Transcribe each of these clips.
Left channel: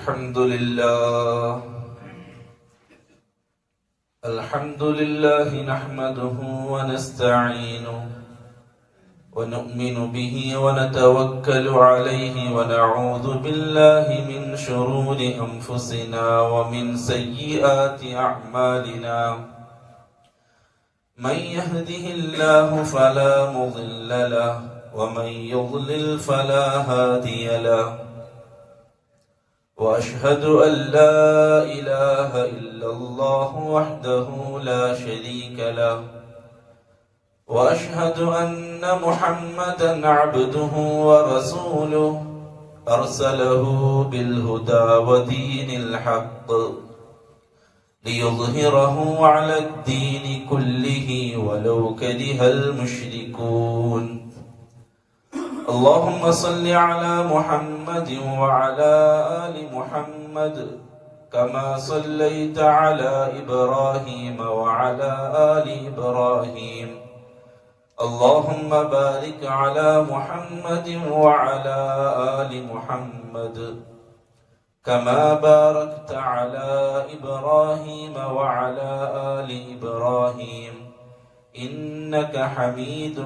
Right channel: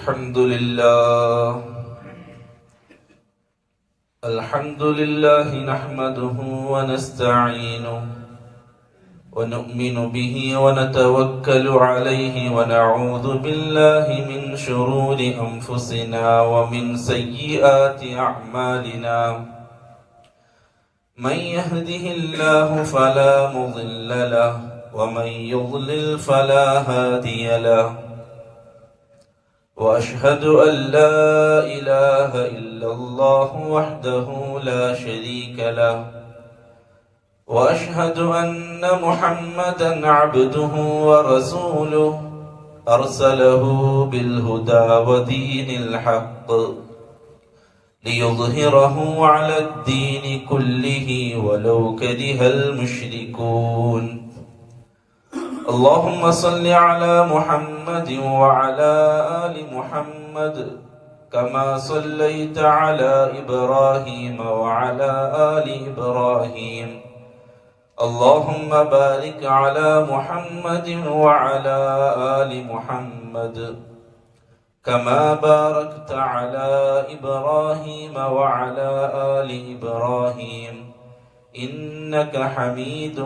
الحمد لله نحمده ونستعينه ونؤمن به ونتوكل عليه ونعوذ بالله من شرور أنفسنا ومن سيئات أعمالنا. من يهده الله فلا مضل له ومن يضلل فلا هادي له. وأشهد أن لا إله إلا الله وحده لا شريك له. وأشهد أن محمدا عبده ورسوله أرسله بالهدى ودين الحق ليظهره على الدين كله ولو كره المشركون. اللهم صل على محمد وعلى آل محمد كما صليت على إبراهيم وعلى آل إبراهيم. اللهم بارك على محمد وعلى آل محمد كما باركت على إبراهيم وعلى آل إبراهيم إنك حميد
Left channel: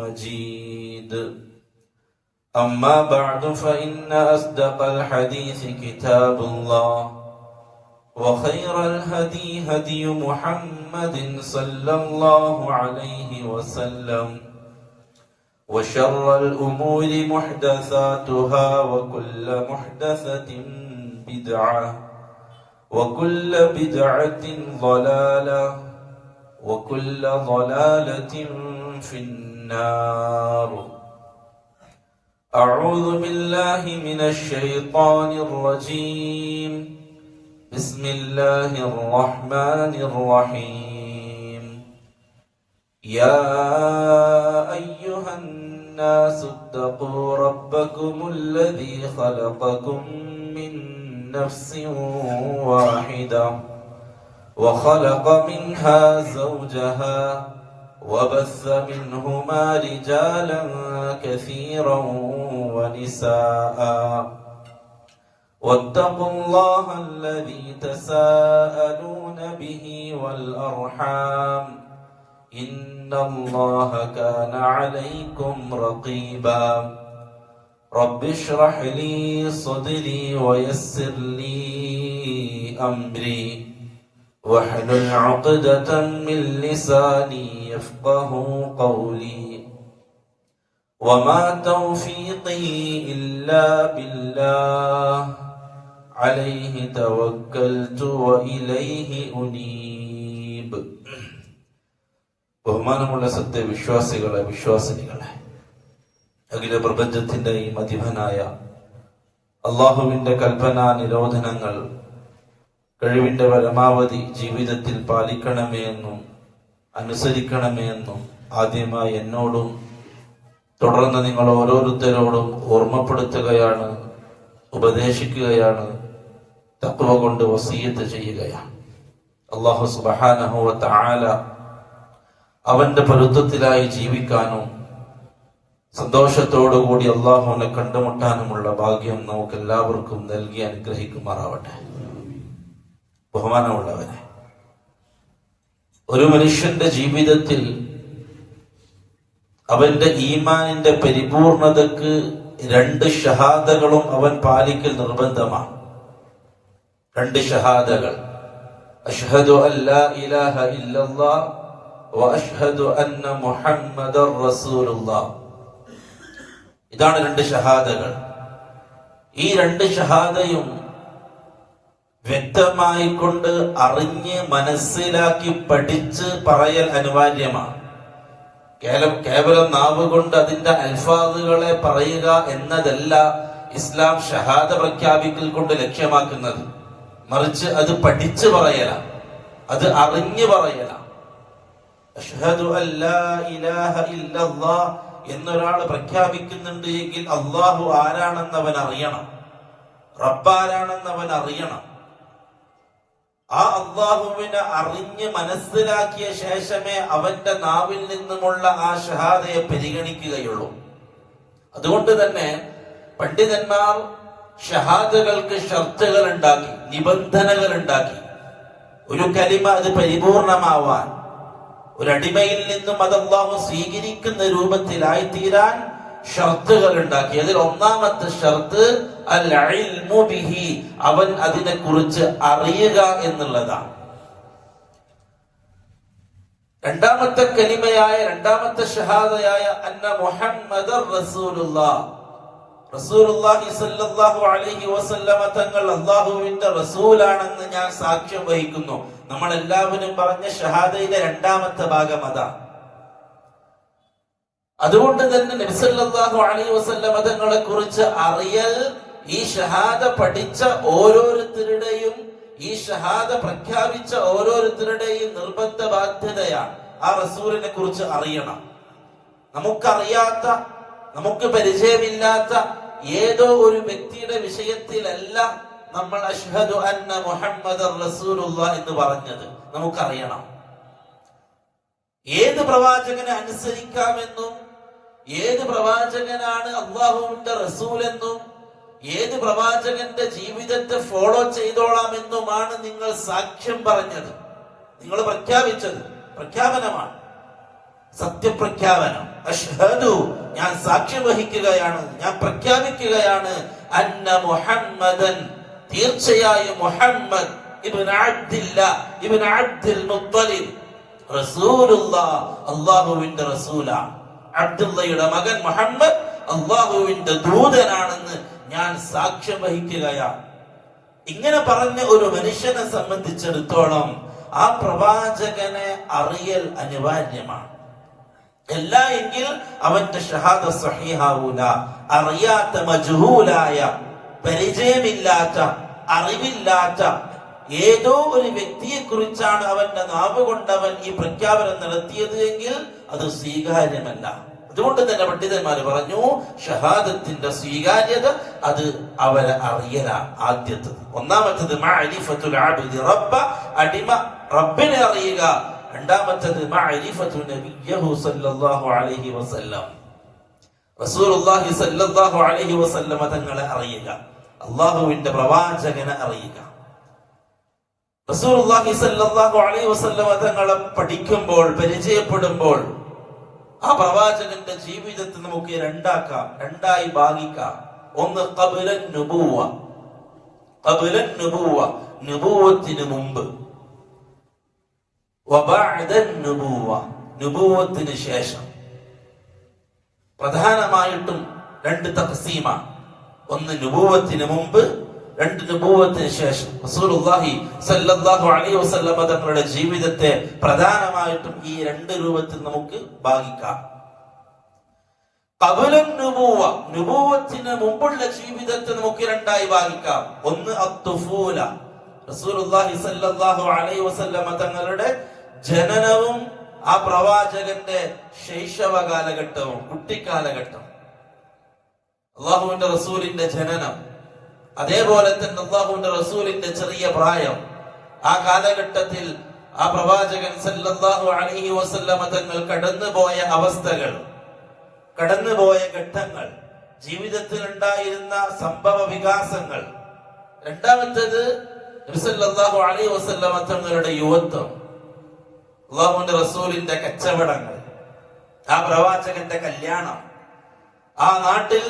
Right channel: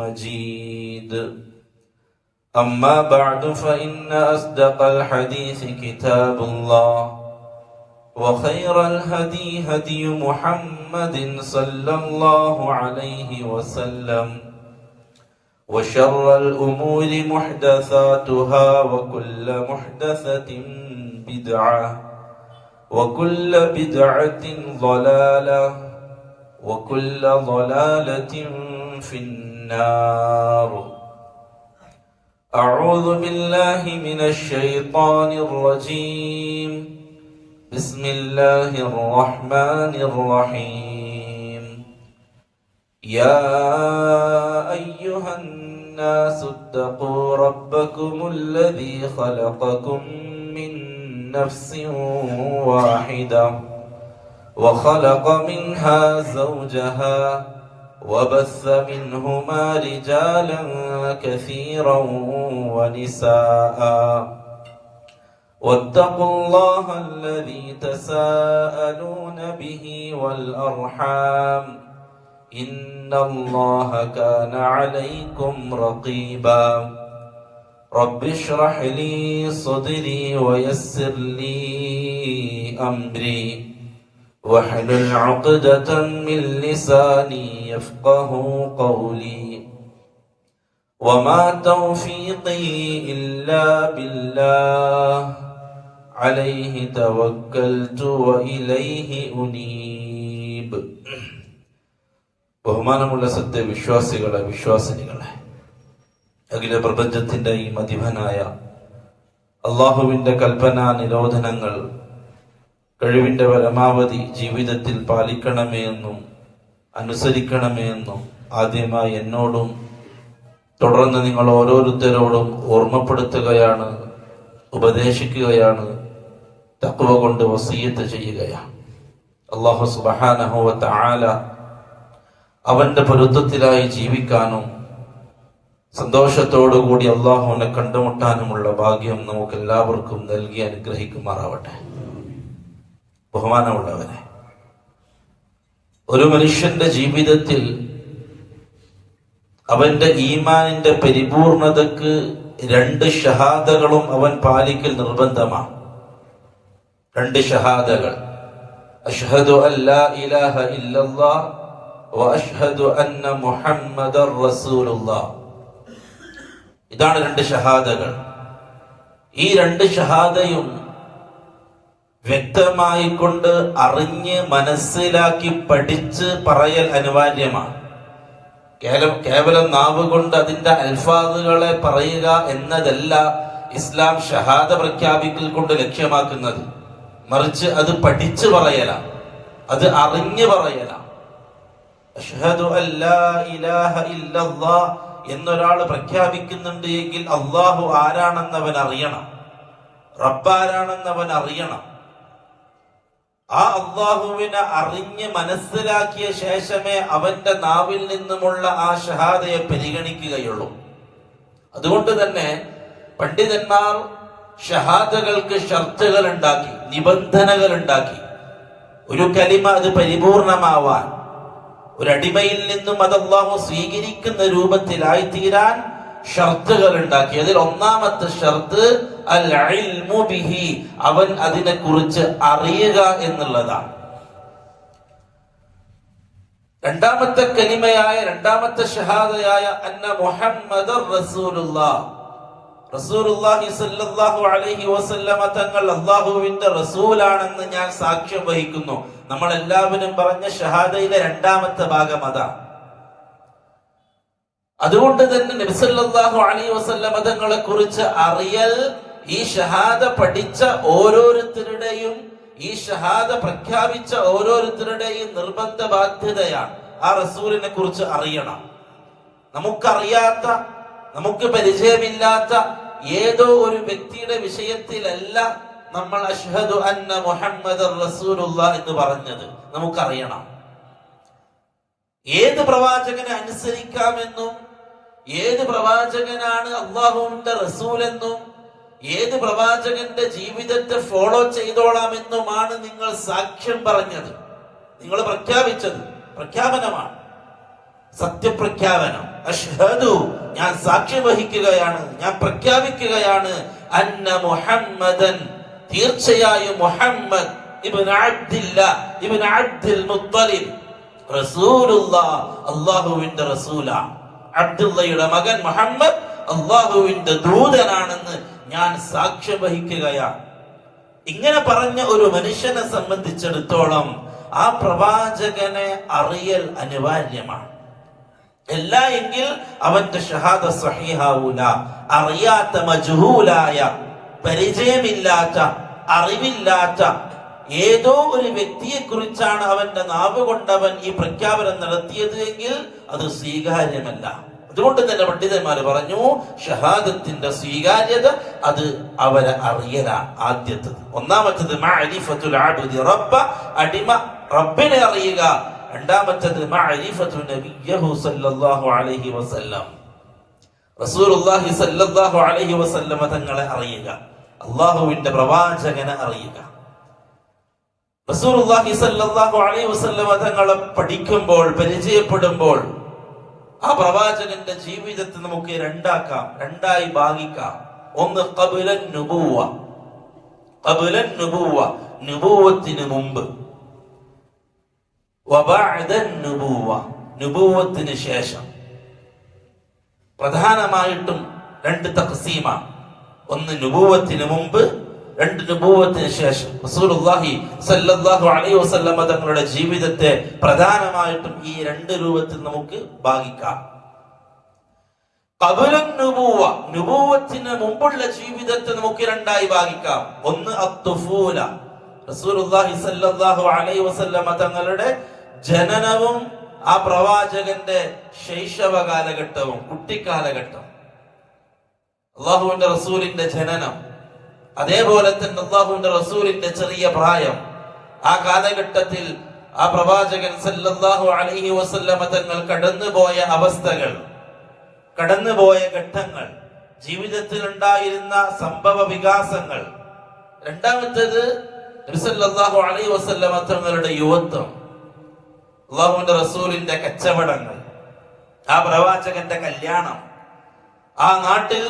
مجيد. أما بعد فإن أصدق الحديث كتاب الله وخير الهدي هدي محمد صلى الله عليه وسلم وشر الأمور محدثاتها وكل محدثة بدعة وكل بدعة ضلالة وكل ضلالة في النار. أعوذ بالله من الشيطان الرجيم. بسم الله الرحمن الرحيم. يا أيها الناس اتقوا ربكم الذي خلقكم من نفس واحدة وخلق منها زوجها وبث منهما رجالا كثيرا ونساء واتقوا الله الذي تساءلون به والأرحام إن الله كان عليكم رقيبا. رب اشرح لي صدري ويسر لي أمري واحلل عقدة من لساني يفقه قولي. وما توفيقي إلا بالله عليه توكلت وإليه أنيب. ബഹുമാനമുള്ള സത്യവിശ്വാസികളെ, വിശ്വാസിനികളെ, അഖില പ്രപഞ്ചത്തിന്റെ ഈ മതിഭനായ അള്ളാഹുവിന്റെ കൽപ്പനാ നിരോധനങ്ങൾ കഴിവിന്റെ പരമാവധി ജീവിതത്തിൽ പാലിക്കണമേ എന്നും അനുസരിക്കണമേ എന്നും ആദ്യമായി എന്നോടും തുടർന്ന് നിങ്ങൾ ഓരോരുത്തരോടും ഓർമ്മപ്പെടുത്തുകയാണ്, ഉപദേശിക്കുകയാണ്, തഖ്വ കൊണ്ട് വസിയ്യത്ത് ചെയ്യുകയാണ്. അല്ലാഹു സുബ്ഹാനഹു വ തആല അവന്റെ പൊരുത്തത്തിലായി ജീവിക്കാനും സന്തോഷത്തോടുകൂടി അള്ളാഹുവിനെ കണ്ടുമുട്ടാനുമുള്ള ഭാഗ്യം നമുക്ക് എല്ലാവർക്കും നൽകി അനുഗ്രഹിക്കുമാറാവട്ടെ. ബഹുമാനമുള്ളവരെ, ഒരു മനുഷ്യന്റെ ജീവിതത്തിൽ അവന്റെ ഈമാനിന്റെ പരിപൂർണതക്ക് രണ്ട് ഷഹാദകളും അവൻ പാലിക്കൽ നിർബന്ധമാണ്. രണ്ട് ഷഹാദകൾ, അഷ്ഹദു അല്ലാ ഇലാഹ ഇല്ലല്ലാഹ് വ അഷ്ഹദു അന്ന മുഹമ്മദർ റസൂലുള്ളാഹ്. ഇതാണ് രണ്ട് ഷഹാദകൾ. ഈ രണ്ട് ഷഹാദയും വ്യക്തമായി കൊണ്ട് അറിഞ്ഞ് മനസ്സിലാക്കി പഠിച്ച് പറയൽ അനിവാര്യമാണ്. കേവലം നാവ് കൊണ്ട് അതിന്റെ അൽഫാദുകളെ പറയുക എന്നതല്ല ഇസ്ലാം ഷഹാദ പ്രഖ്യാപിക്കൽ കൊണ്ട് ലക്ഷ്യമാക്കുന്നത്. മറിച്ച് അത് പഠിച്ചു പറയലാണ്, അത് അറിഞ്ഞു പറയലാണ്. അഷ്ഹദു അല്ലാ ഇലാഹ ഇല്ലല്ലാഹ് എന്നൊരാൾ പ്രഖ്യാപിക്കുന്നുണ്ട് എങ്കിൽ അള്ളാഹു ആരാണെന്നവൻ അറിയണം, റബ്ബാരാണെന്നവൻ അറിയണം. ആ അള്ളാഹുവിനെ അറിഞ്ഞ് മനസ്സിലാക്കിയ ശേഷമേ അവന്റെ നാവിൽ നിന്നുമുള്ള ആ ഷഹാദയെ പരിഗണിക്കുകയുള്ളൂ. അതുകൊണ്ട് തന്നെ പണ്ഡിതന്മാർ ഷഹാദകൾക്ക് ഷർത്തുകൾ ഉണ്ടാക്കി, നിബന്ധനകൾ ഉണ്ടാക്കി. ഒരു കലിമ അത് പരിപൂർണമാവാൻ, ഒരടിമയിൽ നിന്നും അത് അല്ലാഹു സ്വീകരിക്കുന്ന രൂപത്തിലായിത്തീരാൻ ഷർത്തുകൾ ഉണ്ടാക്കി. അതിൽ ഒന്നാമത്തെ ഷർത്ത് അൽ ഇൽമു ബിഹി, അവൻ അതിനെ കുറിച്ച് അറിയുക എന്നുള്ളതാണ്. രണ്ടാമത്തെ കലിമയായ, രണ്ടാമത്തെ ഷഹാദയായ അന്ന മുഹമ്മദർ റസൂലുള്ളാഹ്, റസൂലുള്ളാഹി സ്വല്ലല്ലാഹു അലൈഹി വസല്ലമ തങ്ങൾ അല്ലാഹുവിന്റെ റസൂലാണെന്ന് ഞാൻ സാക്ഷ്യം വഹിക്കുന്നു. നമ്മൾ എല്ലാവരും പറഞ്ഞ ഷഹാദയിലെ രണ്ടാമത്തെ ഭാഗം അതാണ്. അതുകൊണ്ട് തന്നെ നബി സല്ലല്ലാഹു അലൈഹി വസല്ലമ തങ്ങളെ കുറിച്ച് അറിയൽ ഈ ഷഹാദ പഠിച്ച ഓരോരുത്തരുടെയും, ഈ ഷഹാദ പ്രഖ്യാപിച്ച ഓരോരുത്തരുടെയും നിർബന്ധ ബാധ്യതയാണ്. ആ റസൂലിനെ കുറിച്ച് അറിയണം. നമുക്കറിയാത്ത, നമുക്ക് പരിചയമില്ലാത്ത ഏതോ ഒരു വ്യക്തിയുടെ വിഷയത്തിലല്ല നമ്മൾ അഷ്ഹദു അന്ന മുഹമ്മദർ റസൂലുള്ളാഹ് എന്ന് പറഞ്ഞത്. നമുക്കറിയണം ഏത് പ്രവാചകനെ അനുസരിക്കാമെന്നും, ഏത് പ്രവാചകനാണ് അല്ലാഹുവിന്റെ റസൂലെന്നും, ഏത് പ്രവാചകന്റെ ജീവിതത്തെ ഫോളോ ചെയ്തോളാമെന്നുമാണ് നിങ്ങൾ സാക്ഷ്യം പറഞ്ഞത്, നിങ്ങൾ പ്രഖ്യാപിച്ചത്. പ്രഖ്യാപനമാണ്, സത്യപ്രഖ്യാപനം. അഷ്ഹദു, ഞാൻ സാക്ഷ്യം വഹിക്കുകയാണ്, ഞാൻ പ്രഖ്യാപിക്കുകയാണ്, അന്ന മുഹമ്മദൻ, തീർച്ചയായും മുഹമ്മദ് ഇബ്നു അബ്ദില്ലാഹ് ഇബ്നു അബ്ദുൽ മുത്തലിബ് റസൂലുള്ളാഹ്, അല്ലാഹുവിന്റെ റസൂലാണ്. അബ്ദുള്ളയുടെ മകൻ മുഹമ്മദ് അല്ലാഹുവിന്റെ ദൂതനാണെന്ന് ഞാൻ സാക്ഷ്യം വഹിക്കുകയാണ്. ഇങ്ങനെ പറഞ്ഞ ഒരു മനുഷ്യനെ സംബന്ധിച്ചിടത്തോളം ആ പ്രവാചകനെ അറിയൽ അനിവാര്യമാണ്. അല്ല എങ്കിൽ അവന്റെ ഷഹാദ സഹീഹാവൂല. അറിയാത്ത, മജ്ഹൂലായ, പരിചയമില്ലാത്ത, അറിവില്ലാത്ത ഏതോ ഒരു വ്യക്തിയെ കുറിച്ചാണ് അവന്റെ നാവ് കൊണ്ടവൻ ഈ പ്രഖ്യാപനം നടത്തിയത് എങ്കിൽ അത് സ്വീകാര്യമല്ല. അതുകൊണ്ട് തന്നെ പണ്ഡിതന്മാര് പറഞ്ഞു, ഷഹാദത്തിന്റെ സ്വീകാര്യത അത് അവരെ അറിയലാണ്. ആദ്യത്തത്, ഒന്നാമത്തത് മഅരിഫത്തുൽ അബ്ദി റബ്ബ, അടിമ റബ്ബിനെ അറിയുക. രണ്ടാമത്തത് മഅരിഫത്തു നബിയ്യഹു സല്ലല്ലാഹു അലൈഹി വസല്ലം, റസൂലുള്ളാഹി സല്ലല്ലാഹു അലൈഹി വസല്ലം തങ്ങളെ അറിയുക, അല്ലാഹുവിന്റെ പ്രവാചകനെ അറിയുക. റസൂലുള്ളാഹി സല്ലല്ലാഹു അലൈഹി വസല്ലം തങ്ങളെ പഠിക്കുമ്പോൾ, പരിചയപ്പെടുമ്പോൾ ആ പ്രവാചകന്റെ ജീവിതത്തെ നമുക്ക് രണ്ടാക്കാം, രണ്ടായി ഭാഗിക്കാം. ഒന്ന് ഖബ്ലൻ നുബുവ, ഖബ്ലൻ നുബുവ, നുബുവത്തിന് മുമ്പ്, വബഅദൻ നുബുവ, നുബുവത്തിന് ശേഷം. പ്രധാനമായിട്ടും രണ്ട് തഖ്സീമാണ്. ഒന്ന് നുബുവത്തിന് മുമ്പ്, രണ്ട് നുബുവത്തിന് ശേഷം. റസൂലുള്ളാഹി സ്വല്ലല്ലാഹു അലൈഹി വസല്ലം തങ്ങളുടെ ജീവിതത്തെ പ്രധാനമായിട്ടും ഈ രണ്ട് രൂപത്തിൽ നമുക്ക് ഭാഗിക്കാം. ഖബ്ലൻ നുബുവ, നുബുവത്തിന് മുമ്പുള്ള ജീവിതത്തെ നമുക്ക് രണ്ടായി ഭാഗിക്കാം. ഒന്ന് അത്തുഫൂല, റസൂലുള്ളാഹി സ്വല്ലല്ലാഹു അലൈഹി വസല്ലം തങ്ങളുടെ ജനനവും ആ പ്രവാചകന്റെ ശൈശവ കാലഘട്ടവും, കുട്ടിക്കാലഘട്ടം. അല്ലാഹുവിന്റെ റസൂലിന്റെ ജനനം, അതേപോലെ തന്നെ അല്ലാഹുവിന്റെ റസൂലിന്റെ ചെറിയ പ്രായം, ആ കാലഘട്ടത്തിൽ ആ പ്രവാചകൻ സല്ലല്ലാഹു അലൈഹി വസല്ലമ തങ്ങൾ കടന്നുപോയ അവസ്ഥകൾ, കടന്നുപോയ ഘട്ടങ്ങൾ, ജീവിതത്തിൽ ഉണ്ടായിരുന്ന സംഭവ വികാസങ്ങൾ. രണ്ടാമത്തേത് നബി സല്ലല്ലാഹു അലൈഹി വസല്ലമ തങ്ങളുടെ യുവത്വം, അല്ലാഹുവിന്റെ റസൂലിന്റെ കച്ചവടങ്ങൾ, ആ പ്രവാചകന്റെ കല്യാണം, ആ നാട്ടിൽ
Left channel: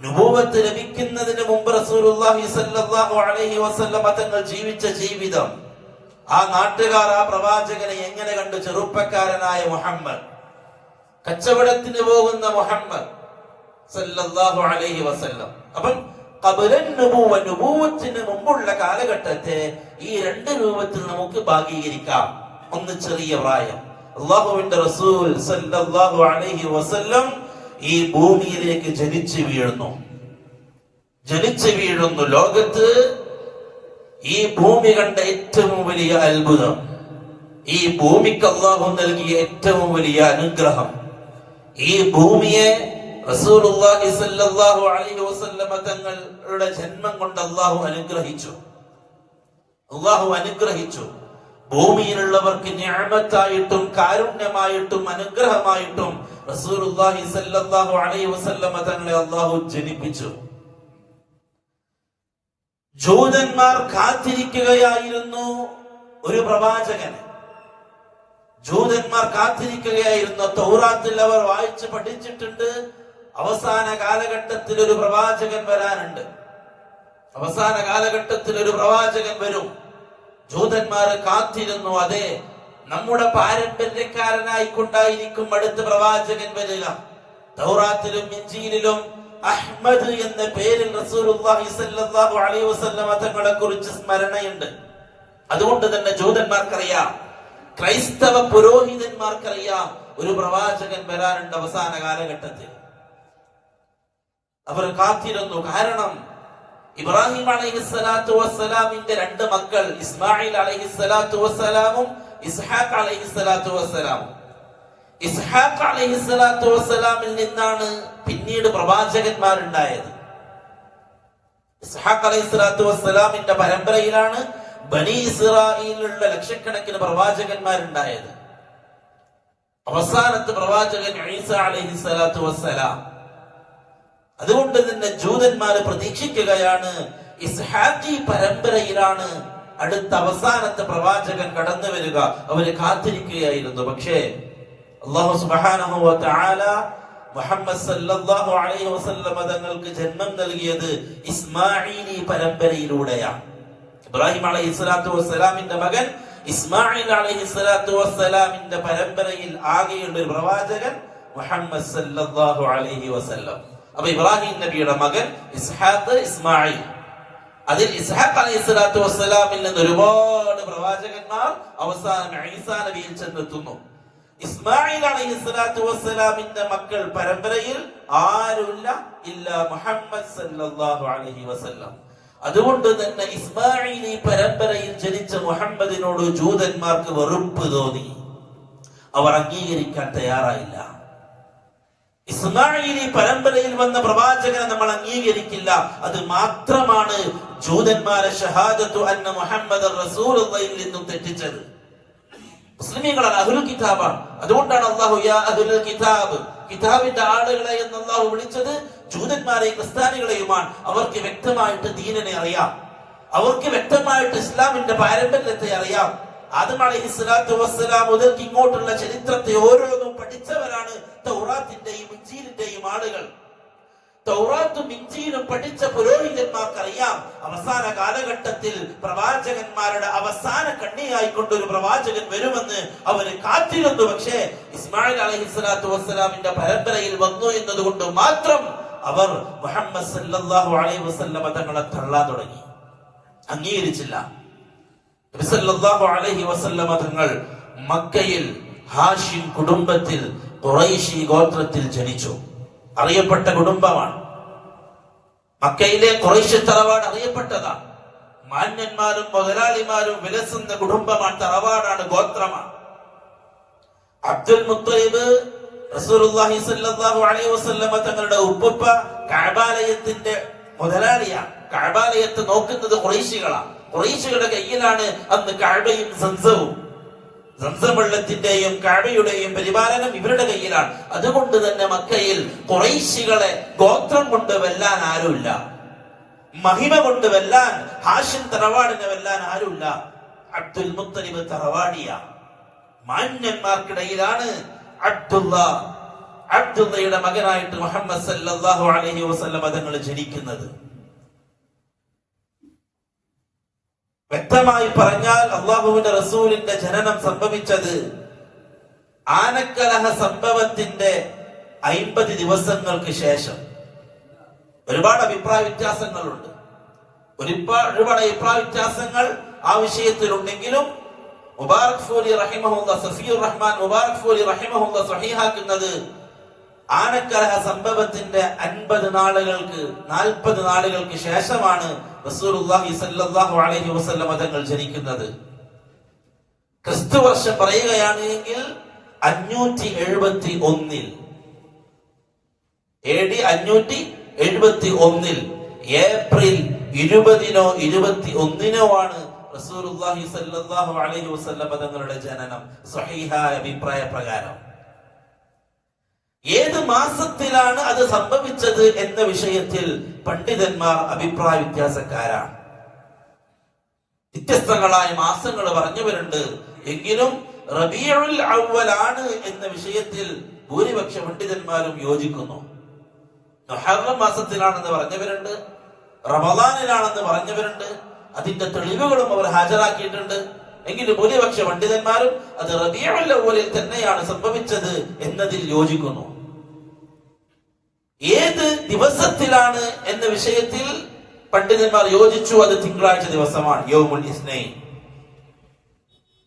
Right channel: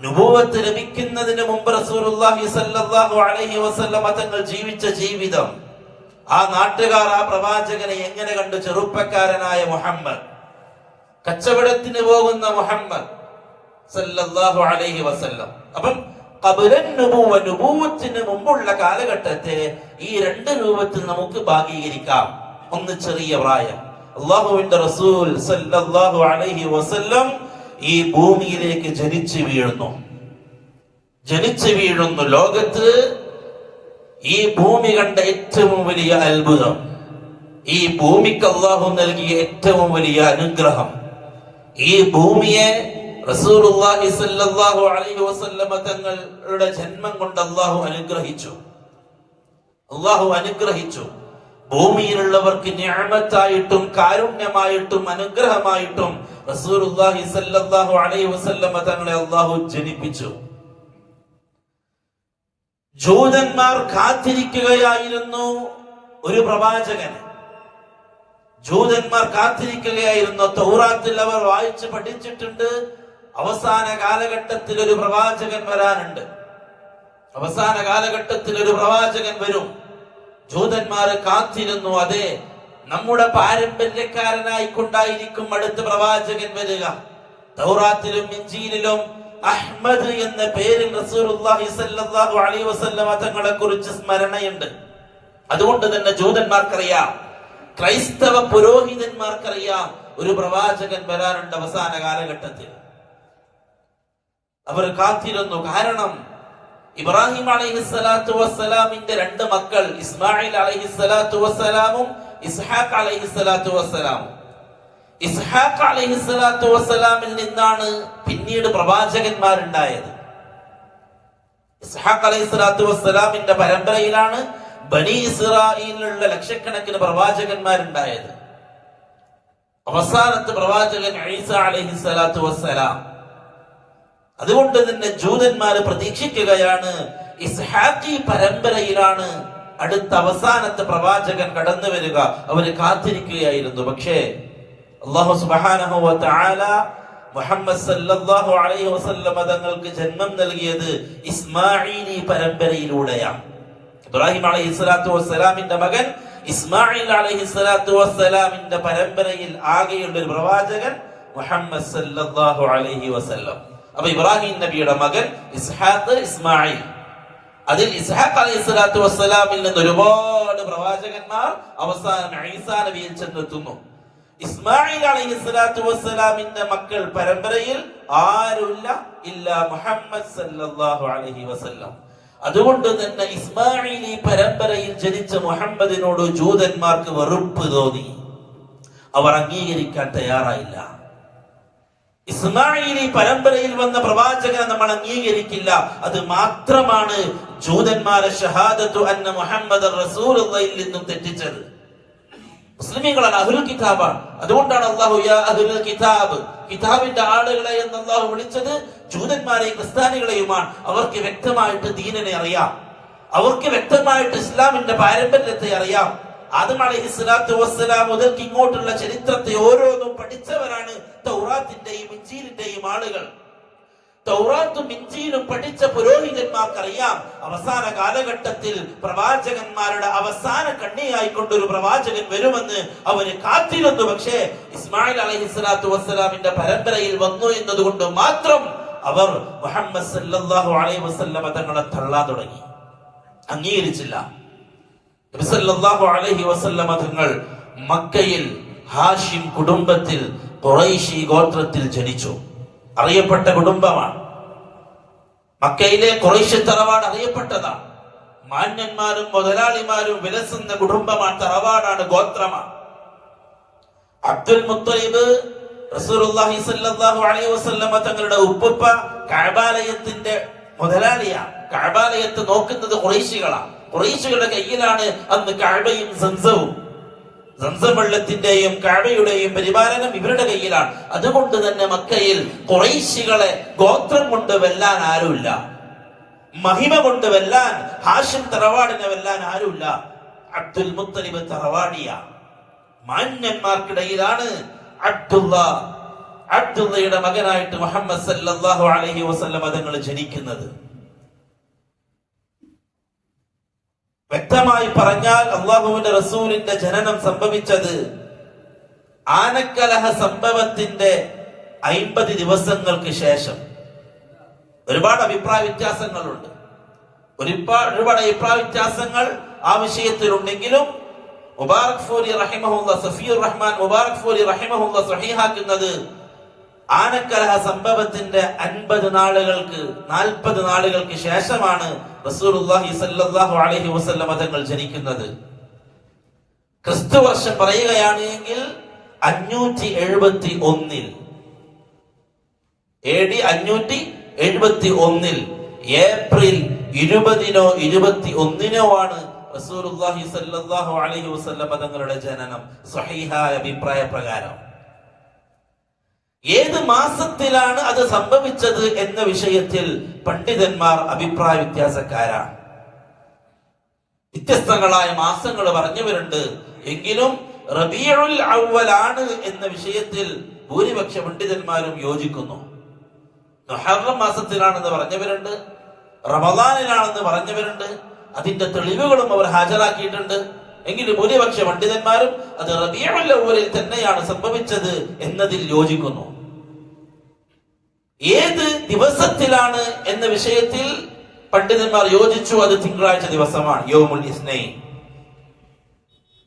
നുബുവത്ത് ലഭിക്കുന്നതിന് മുമ്പ് റസൂലുള്ളാഹി സ്വല്ലല്ലാഹു അലൈഹി വസല്ലം തങ്ങൾ ജീവിച്ച ജീവിതം, ആ നാട്ടുകാർ ആ പ്രവാചകനെ എങ്ങനെ കണ്ടു? ചെറുപ്പക്കാരനായ മുഹമ്മദ്, കച്ചവടത്തിന് പോകുന്ന മുഹമ്മദ് സല്ലല്ലാഹു അലൈഹി വസല്ലം. അപ്പം ഖബ്ലൻ നുബുവ, നുബുവത്തിന് മുമ്പുള്ള കാലഘട്ടത്തെ ഈ രണ്ട് രൂപത്തിൽ നമുക്ക് ഭാഗീകരിക്കാം. ഒന്ന് ചെറിയ പ്രായം, അല്ലാഹുവിന്റെ റസൂൽ സല്ലല്ലാഹു അലൈഹി വസല്ലം ഈ ഭൂമിയിലേക്ക് ജനിച്ചു വീഴുന്നു. ലോകത്ത് ഈ ഭൂമി കണ്ട ഏറ്റവും വലിയ അത്ഭുതം, ഈ ഭൂമിക്ക് അല്ലാഹു നൽകിയ ഏറ്റവും വലിയ അനുഗ്രഹം, ഈ ഭൂമിയെ റസൂലുള്ളാഹി സ്വല്ലല്ലാഹു അലൈഹി വസല്ലമ തങ്ങളുടെ ജന്മം കൊണ്ട് അല്ലാഹു അനുഗ്രഹിച്ചു. ഭൂമിയിലുള്ളവർക്ക് നിഅമത്തായിട്ടും കാരുണ്യമായിട്ടും അനുഗ്രഹമായിട്ടും റസൂലുള്ളാഹി സ്വല്ലല്ലാഹു അലൈഹി വസല്ലമ തങ്ങളെ അല്ലാഹു ജനിപ്പിച്ചു. ജൂതന്മാർ കാത്തിരിക്കുകയായിരുന്നു ഒരു പ്രവാചകനെ. ജൂതന്മാർ കാത്തിരിക്കുകയായിരുന്നു. തൗറാത്തിൽ അവർ വായിച്ച് പഠിച്ചിട്ടുണ്ട്, അവസാന കാലഘട്ടത്തിൽ ഒരു പ്രവാചകൻ വരാനുണ്ട്, അവസാന കാലഘട്ടത്തിൽ ഒരു പ്രവാചകൻ വരും. ജൂതന്മാർ കാത്തിരുന്നു. അതെ, നമ്മുടെ പാരമ്പര്യക്കാരനായിക്കൊണ്ടായിരിക്കും അടുത്ത പ്രവാചകൻ വരിക. തൗറാത്തിലും ഇഞ്ചീലിലും അഹ്മദ് എന്ന പേരിൽ റസൂലുള്ളാഹി സ്വല്ലല്ലാഹു അലൈഹി വസല്ലമ തങ്ങളെ കുറിച്ച് സ്മരണയുണ്ട്. അതുകൊണ്ട് തന്നെ ജൂതന്മാർക്കറിയാം, ക്രൈസ്തവ പുരോഹിതന്മാർക്കറിയാം, ഒരു പ്രവാചകൻ വരാനുണ്ട് അവസാന കാലഘട്ടത്തിൽ. അവർ കാത്തിരുന്നു. കാരണം ഇബ്രാഹിം അലൈഹിസ്സലാത്തു വസ്സലാമിന്റെ രണ്ട് മക്കൾ, ഇസ്മായിൽ അലൈഹിസ്സലാത്തു വസ്സലാമും ഇസ്ഹാഖ് അലൈഹിസ്സലാത്തു വസ്സലാമും. ഇസ്ഹാഖ് അലൈഹിസ്സലാത്തു വസ്സലാമിൽ നിന്നാണ് പിന്നീട് പ്രവാചകന്മാരുണ്ടായത്. ഇസ്ഹാഖ് അലൈഹിസ്സലാത്തു വസ്സലാമിന്റെ പരമ്പരയിലാണ് ബനി ഇസ്രായേലിലുള്ള ലക്ഷക്കണക്കിന് പ്രവാചകന്മാരുണ്ടായത്. അവസാനത്തെ പ്രവാചകൻ ഈസ അലൈഹിസ്സലാത്തു വസ്സലാം. അതുകൊണ്ട് തന്നെ ജൂതന്മാര് പ്രതീക്ഷിക്കുകയാണ്, ഇസ്ഹാഖി പരമ്പരയിലാണ് അടുത്ത അവസാനത്തെ പ്രവാചകൻ കടന്നു വരിക. അവര് കാത്തിരിക്കുകയായിരുന്നു. പക്ഷേ അല്ലാഹു സുബ്ഹാനഹു വ തആല മുഹമ്മദ് സല്ലല്ലാഹു അലൈഹി വസല്ലം തങ്ങൾക്ക് ജന്മം നൽകിയത് ഇസ്മാഈലി പരമ്പരയിലൂടെയാണ്. ഇബ്രാഹിം അലൈഹിസ്സലാത്തു വസ്സലാമിന്റെ മകൻ ഇസ്മായിൽ അലൈഹിസ്സലാത്തു വസ്സലാമിന്റെ പരമ്പരയിൽ ആകെയുള്ള ഒരു പ്രവാചകൻ മുഹമ്മദ് സല്ലല്ലാഹു അലൈഹി വസല്ലം. അപ്പൊ ഇബ്രാഹിം നബിയുടെ മകൻ ഇസ്ഹാഖ്, ഇസ്മായിൽ. അതിൽ ഇസ്ഹാഖ് അലൈഹിസ്സലാത്തു വസ്സലാമിൽ നിന്ന് ഒരുപാട് പ്രവാചകന്മാർ അവസാനം ഈസാ നബിയിൽ ചെന്നെത്തുന്നു. ഇസ്മായിൽ അലൈഹിസ്സലാത്തു വസ്സലാമിന്റെ മക്കൾ പരമ്പരയിൽ ആരുമില്ല ഇല്ല മുഹമ്മദ് സല്ലല്ലാഹു അലൈഹി വസല്ലം. അതുകൊണ്ട് തന്നെ ഇസ്മാഈലി പരമ്പരയിൽ ജനിച്ച മുഹമ്മദിനോട് ജൂതന്മാർക്ക് വെറുപ്പ് തോന്നി. അവർ അംഗീകരിക്കാൻ തയ്യാറായില്ല. ഇസ്മാഈലി പരമ്പരയിൽ വന്ന പ്രവാചകനെ നമ്മൾ അംഗീകരിക്കില്ല. അത് മാത്രമാണ് ജൂതന്മാരെ ഷഹാദത്തു അന്ന മുഹമ്മദ് റസൂലുള്ളാഹിയിൽ നിന്നും തെറ്റിച്ചത്. മുസ്ലിമീങ്ങളാണ്, അഹ്ലുൽ കിതാബാണ്. അതുകൊണ്ടാണ് അല്ലാഹു യാ അഹ്ലുൽ കിതാബ്, കിതാബിന്റെ ആളുകളെ എന്ന് അല്ലാഹു വിളിച്ചത് ജൂതന്മാരെയും ക്രിസ്ത്യാനികളെയുമാണ്. അവർക്ക് വ്യക്തമായിട്ട് ദീനിനെ അറിയാം, അവർക്ക് വ്യക്തമായിട്ട് ഇസ്ലാമിന്റെ പാരമ്പര്യത്തെ അറിയാം. ആദം അലൈഹിസ്സലാത്തു വസ്സലാം മുതൽക്ക് ഇങ്ങോട്ടുള്ള ചരിത്രത്തെ ഓരോന്നും പഠിച്ചവരാണ് തൗറാത്തിന്റെയും ഇഞ്ചീലിന്റെയും ആളുകൾ. തൗറാത്തും ഇഞ്ചീലും പഠിച്ച പുരോഹിതന്മാർക്കറിയാം, അവസാന കാലഘട്ടത്തിൽ പ്രവാചകന്മാരുടെ അവസാന കണ്ണിയായിക്കൊണ്ടൊരു പ്രവാചകൻ വരുമെന്ന് അവര് കാത്തിരുന്നു. പക്ഷേ ഇസ്മായിൽ അലൈഹിസ്സലാത്തു വസ്സലാമിന്റെ പരമ്പരയിൽ വന്നു എന്നതുകൊണ്ട് മാത്രം അവർ മുഹമ്മദ് സല്ലല്ലാഹു അലൈഹി വസല്ലമ തങ്ങളെ തള്ളാൻ തുടങ്ങി, അംഗീകരിച്ചില്ല. നബി സല്ലല്ലാഹു അലൈഹി വസല്ലമ തങ്ങൾ മക്കയിൽ ഹാഷിം കുടുംബത്തിൽ ഖുറൈശി ഗോത്രത്തിൽ ജനിച്ചു. അറിയപ്പെട്ട കുടുംബമാണ്. മക്കയിലെ ഖുറൈശി തറവാട് അറിയപ്പെട്ടതാണ്. മാന്യന്മാരും മുതലാളിമാരും വിലസുന്ന കുടുംബമാണ്, തറവാടാണ്, ഗോത്രമാണ്. അബ്ദുൽ മുത്തലിബ് റസൂലുള്ളാഹി സ്വല്ലല്ലാഹു അലൈഹി വസല്ലമ തങ്ങളുടെ ഉപ്പുപ്പ കഅബാലയത്തിന്റെ മുതലാളിയാണ്. കഅബാലയത്തെ നോക്കുന്നത് ഖുറൈശികളാണ്. ഖുറൈശികളുടെ കയ്യിലാണ് അന്ന് കഅബയും സംസവും. സംസം വെള്ളത്തിന്റെയും കഅബയുടെയും പരിപാലനം ഇവരുടെ കയ്യിലാണ്. അതുകൊണ്ട് തന്നെ മക്കയിൽ ഖുറൈശികളെ ഗോത്രം കൊണ്ട് വെല്ലാൻ ആരുമില്ല, മഹിമ കൊണ്ട് വെല്ലാൻ, ഹാഷിം തറവാടിനെ വെല്ലാൻ ആരുമില്ല. അബ്ദുൽ മുത്തലിബ് തറവാടിയ മാന്യന്മാർക്കിടയിലാണ് അബ്ദുള്ളയുടെ മകനായിട്ട് മുഹമ്മദ് സല്ലല്ലാഹു അലൈഹി വസല്ലം തങ്ങൾ ജനിക്കുന്നത്. വ്യക്തമായി പറഞ്ഞാൽ അള്ളാഹുവിന്റെ റസൂലിന്റെ ജനനം സംഭവിച്ചത് ആനക്കലഹ സംഭവത്തിന്റെ 50 ദിവസങ്ങൾക്ക് ശേഷം. ഒരുപാട് അഭിപ്രായ വ്യത്യാസങ്ങളുണ്ട്, ഒരുപാട് അഭിപ്രായ വ്യത്യാസങ്ങൾ ആ വിഷയത്തിലുണ്ടെങ്കിലും മുബാറക് ഫൂരി റഹിമഹുല്ലാ, സഫീർ റഹ്മാൻ മുബാറക് ഫൂരി റഹിമഹുല്ലാ സ്വഹീഹാക്കുന്നത് ആനക്കലഹ സംഭവത്തിന്റെ 50 നാളുകൾക്ക് 40 നാളുകൾക്ക് ശേഷമാണ് റസൂലുള്ളാഹി സ്വല്ലല്ലാഹു അലൈഹി വസല്ലം തങ്ങൾ ജനിക്കുന്നത്. ക്രിസ്തു വർഷം പറയുകയാണെങ്കിൽ 571 AD 571 ഏപ്രിൽ 20-നോ 21-നോ ആണ് റസൂലുള്ളാഹി സ്വല്ലല്ലാഹു അലൈഹി വസല്ലം തങ്ങളുടെ ജനനം. സ്വഹീഹായ അഭിപ്രായ പ്രകാരം ഏത് മാസത്തിലാണ് അത് സംഭവിച്ചത് എന്ന വിഷയത്തിൽ പണ്ഡിതന്മാർ അഭിപ്രായ വ്യത്യാസക്കാരാണ്. വ്യത്യസ്തങ്ങളായ മാസങ്ങൾ പറഞ്ഞവരുണ്ട്. എങ്കിലും റബീഉൽ അവ്വലാണ് എന്ന വിഷയത്തിൽ ഭൂരിപക്ഷ പണ്ഡിതന്മാരും യോജിക്കുന്നു. മുഹറം മാസത്തിലാണെന്ന് പറഞ്ഞവരുണ്ട്, റമദാനിലാണെന്ന് പറഞ്ഞവരുണ്ട്. അതിന്റെ തെളിവുകളും അവർ ഹാജരാക്കിയിട്ടുണ്ട്. എങ്കിലും ഭൂരിപക്ഷ പണ്ഡിതന്മാരും അത് റബീഉൽ അവ്വലിൽ തന്നെയാണ് സംഭവിച്ചത് എന്നതിൽ യോജിക്കുന്നു. ഏത് ദിവസത്തിലാണ് എന്ന വിഷയത്തിൽ പണ്ഡിതന്മാർ യോജിച്ചു. അത് തിങ്കളാഴ്ച ദിവസമാണ്, യൗമുൽ ഇസ്നൈൻ.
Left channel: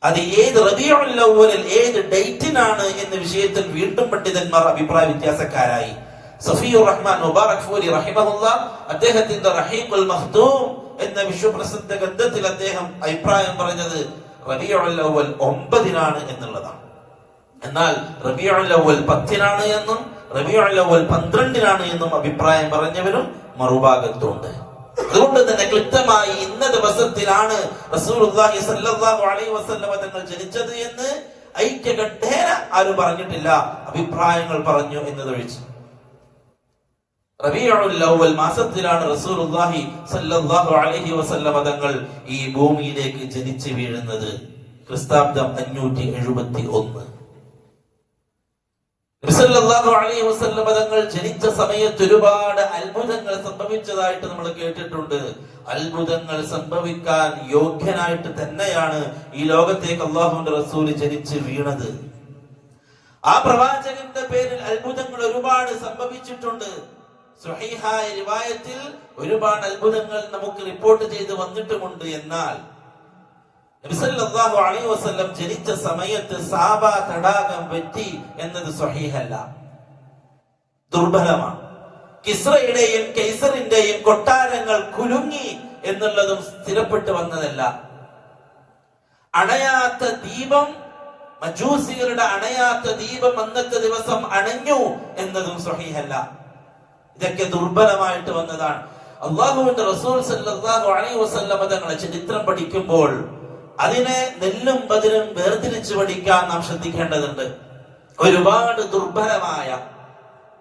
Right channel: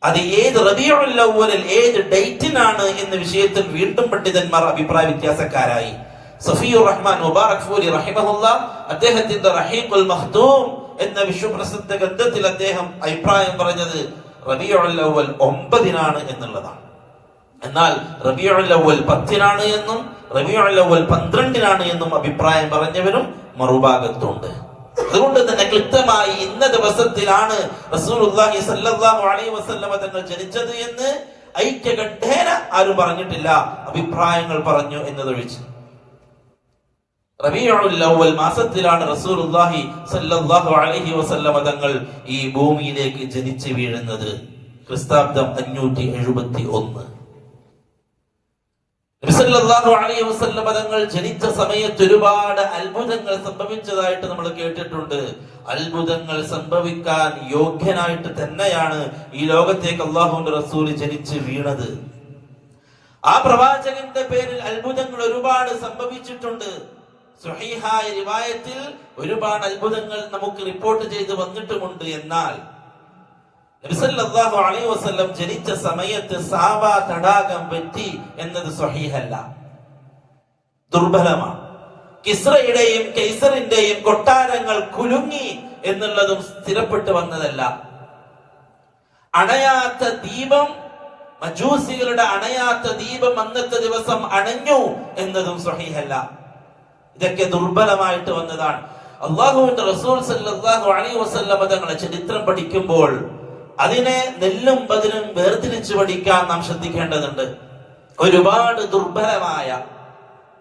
അത് ഏത് റബീഉൽ അവ്വലിൽ ഏത് ഡേറ്റിനാണ് എന്ന വിഷയത്തിൽ വീണ്ടും പണ്ഡിതന്മാർ അഭിപ്രായ വ്യത്യാസക്കാരായി. സഫിയുർ റഹ്മാൻ മുബാറക് ഫൂരി റഹിമഹുല്ലാഹ് അദ്ദേഹത്തിന്റെ റഹീഖുൽ മഖ്തൂം എന്ന വിശ്വപ്രസിദ്ധ ഗ്രന്ഥത്തിൽ അദ്ദേഹം അഭിപ്രായം പറഞ്ഞത് റബീഉൽ അവ്വൽ 9-നാണ് എന്നുള്ളതാണ്. എന്നാൽ റബീഉൽ അവ്വൽ 10-നാണ് എന്നും റബീഉൽ അവ്വൽ 12-നാണ് എന്നും അഭിപ്രായം പറഞ്ഞവരും മറുഭാഗത്തുണ്ട്. അതുകൊണ്ട് തന്നെ ക്ലിപ്തമായി ഇന്ന ദിവസത്തിലാണ് റസൂലുള്ളാഹി സ്വല്ലല്ലാഹു അലൈഹി വസല്ലം തങ്ങൾ ജനിച്ചത് എന്ന് ഐക്യകണ്ഠേന ആരും പറഞ്ഞിട്ടില്ല. അഭിപ്രായങ്ങൾ പറഞ്ഞു എന്നതൊഴിച്ച്. റബീഉൽ അവ്വൽ മാസത്തിലാണ് റസൂലുള്ളാഹി സ്വല്ലല്ലാഹു അലൈഹി വസല്ലം തങ്ങൾ ഈ ഭൂമിയിലേക്ക് ജനിച്ചു വീഴുന്നത്. ക്രിസ്താബ്ദം 571. നബി സല്ലല്ലാഹു അലൈഹി വസല്ലം തങ്ങൾ ജനിച്ച സമയത്ത് ഒരുപാട് അത്ഭുതങ്ങൾ സംഭവിച്ചതായിട്ട് നമ്മൾ കേട്ടിട്ടുണ്ട്. അത്ഭുതങ്ങൾ സംഭവിക്കാൻ യോഗ്യനായിട്ട് തന്നെയാണ് ഈ ലോകത്തേക്ക് അല്ലാഹുവിന്റെ റസൂൽ ജനിച്ച് വീണത്. ആ പ്രവാചകന്റെ പേരിൽ അത്ഭുതങ്ങൾ ഒരുപാട് സംഭവിച്ചിട്ടുണ്ട്. സ്വഹീഹായ റിവായത്തിൽ ഒരുപാട് അത്ഭുതങ്ങൾ നമുക്ക് റിപ്പോർട്ട് ചെയ്ത് വന്നിട്ടുമുണ്ട്. എന്നാൽ നബി സല്ലല്ലാഹു അലൈഹി വസല്ലം ജനിച്ച സമയത്ത് സാബാ തടാകം വറ്റി എന്നത് സ്വഹീഹല്ല, ദുർബലമാണ്. കിസ്റയുടെയും കൈസറിന്റെയും കൊട്ടാരങ്ങൾ കുലുങ്ങി എന്നുള്ളതും സ്ഥിരപ്പെട്ടു വന്നതല്ല. അണയാത്ത ദീപം, മജൂസികളുടെ അണയാത്ത ദീപം അന്നത്തെ ദിവസം അണഞ്ഞു എന്നതും സ്വഹീഹല്ല. ഇതൊക്കെ ദുർബലമായിട്ട് വന്നതാണ്. അല്ലാഹുവിന്റെ റസൂൽ സല്ലല്ലാഹു അലൈഹി വസല്ലം തങ്ങളുടെ ചരിത്രം പഠിക്കുമ്പോൾ അതിനെ നെല്ലും ബദലും വേർതിരിച്ചു പഠിക്കാൻ നാം ശ്രദ്ധിക്കേണ്ടതുണ്ട്. ഒരുപാട് ദുർബലമായ,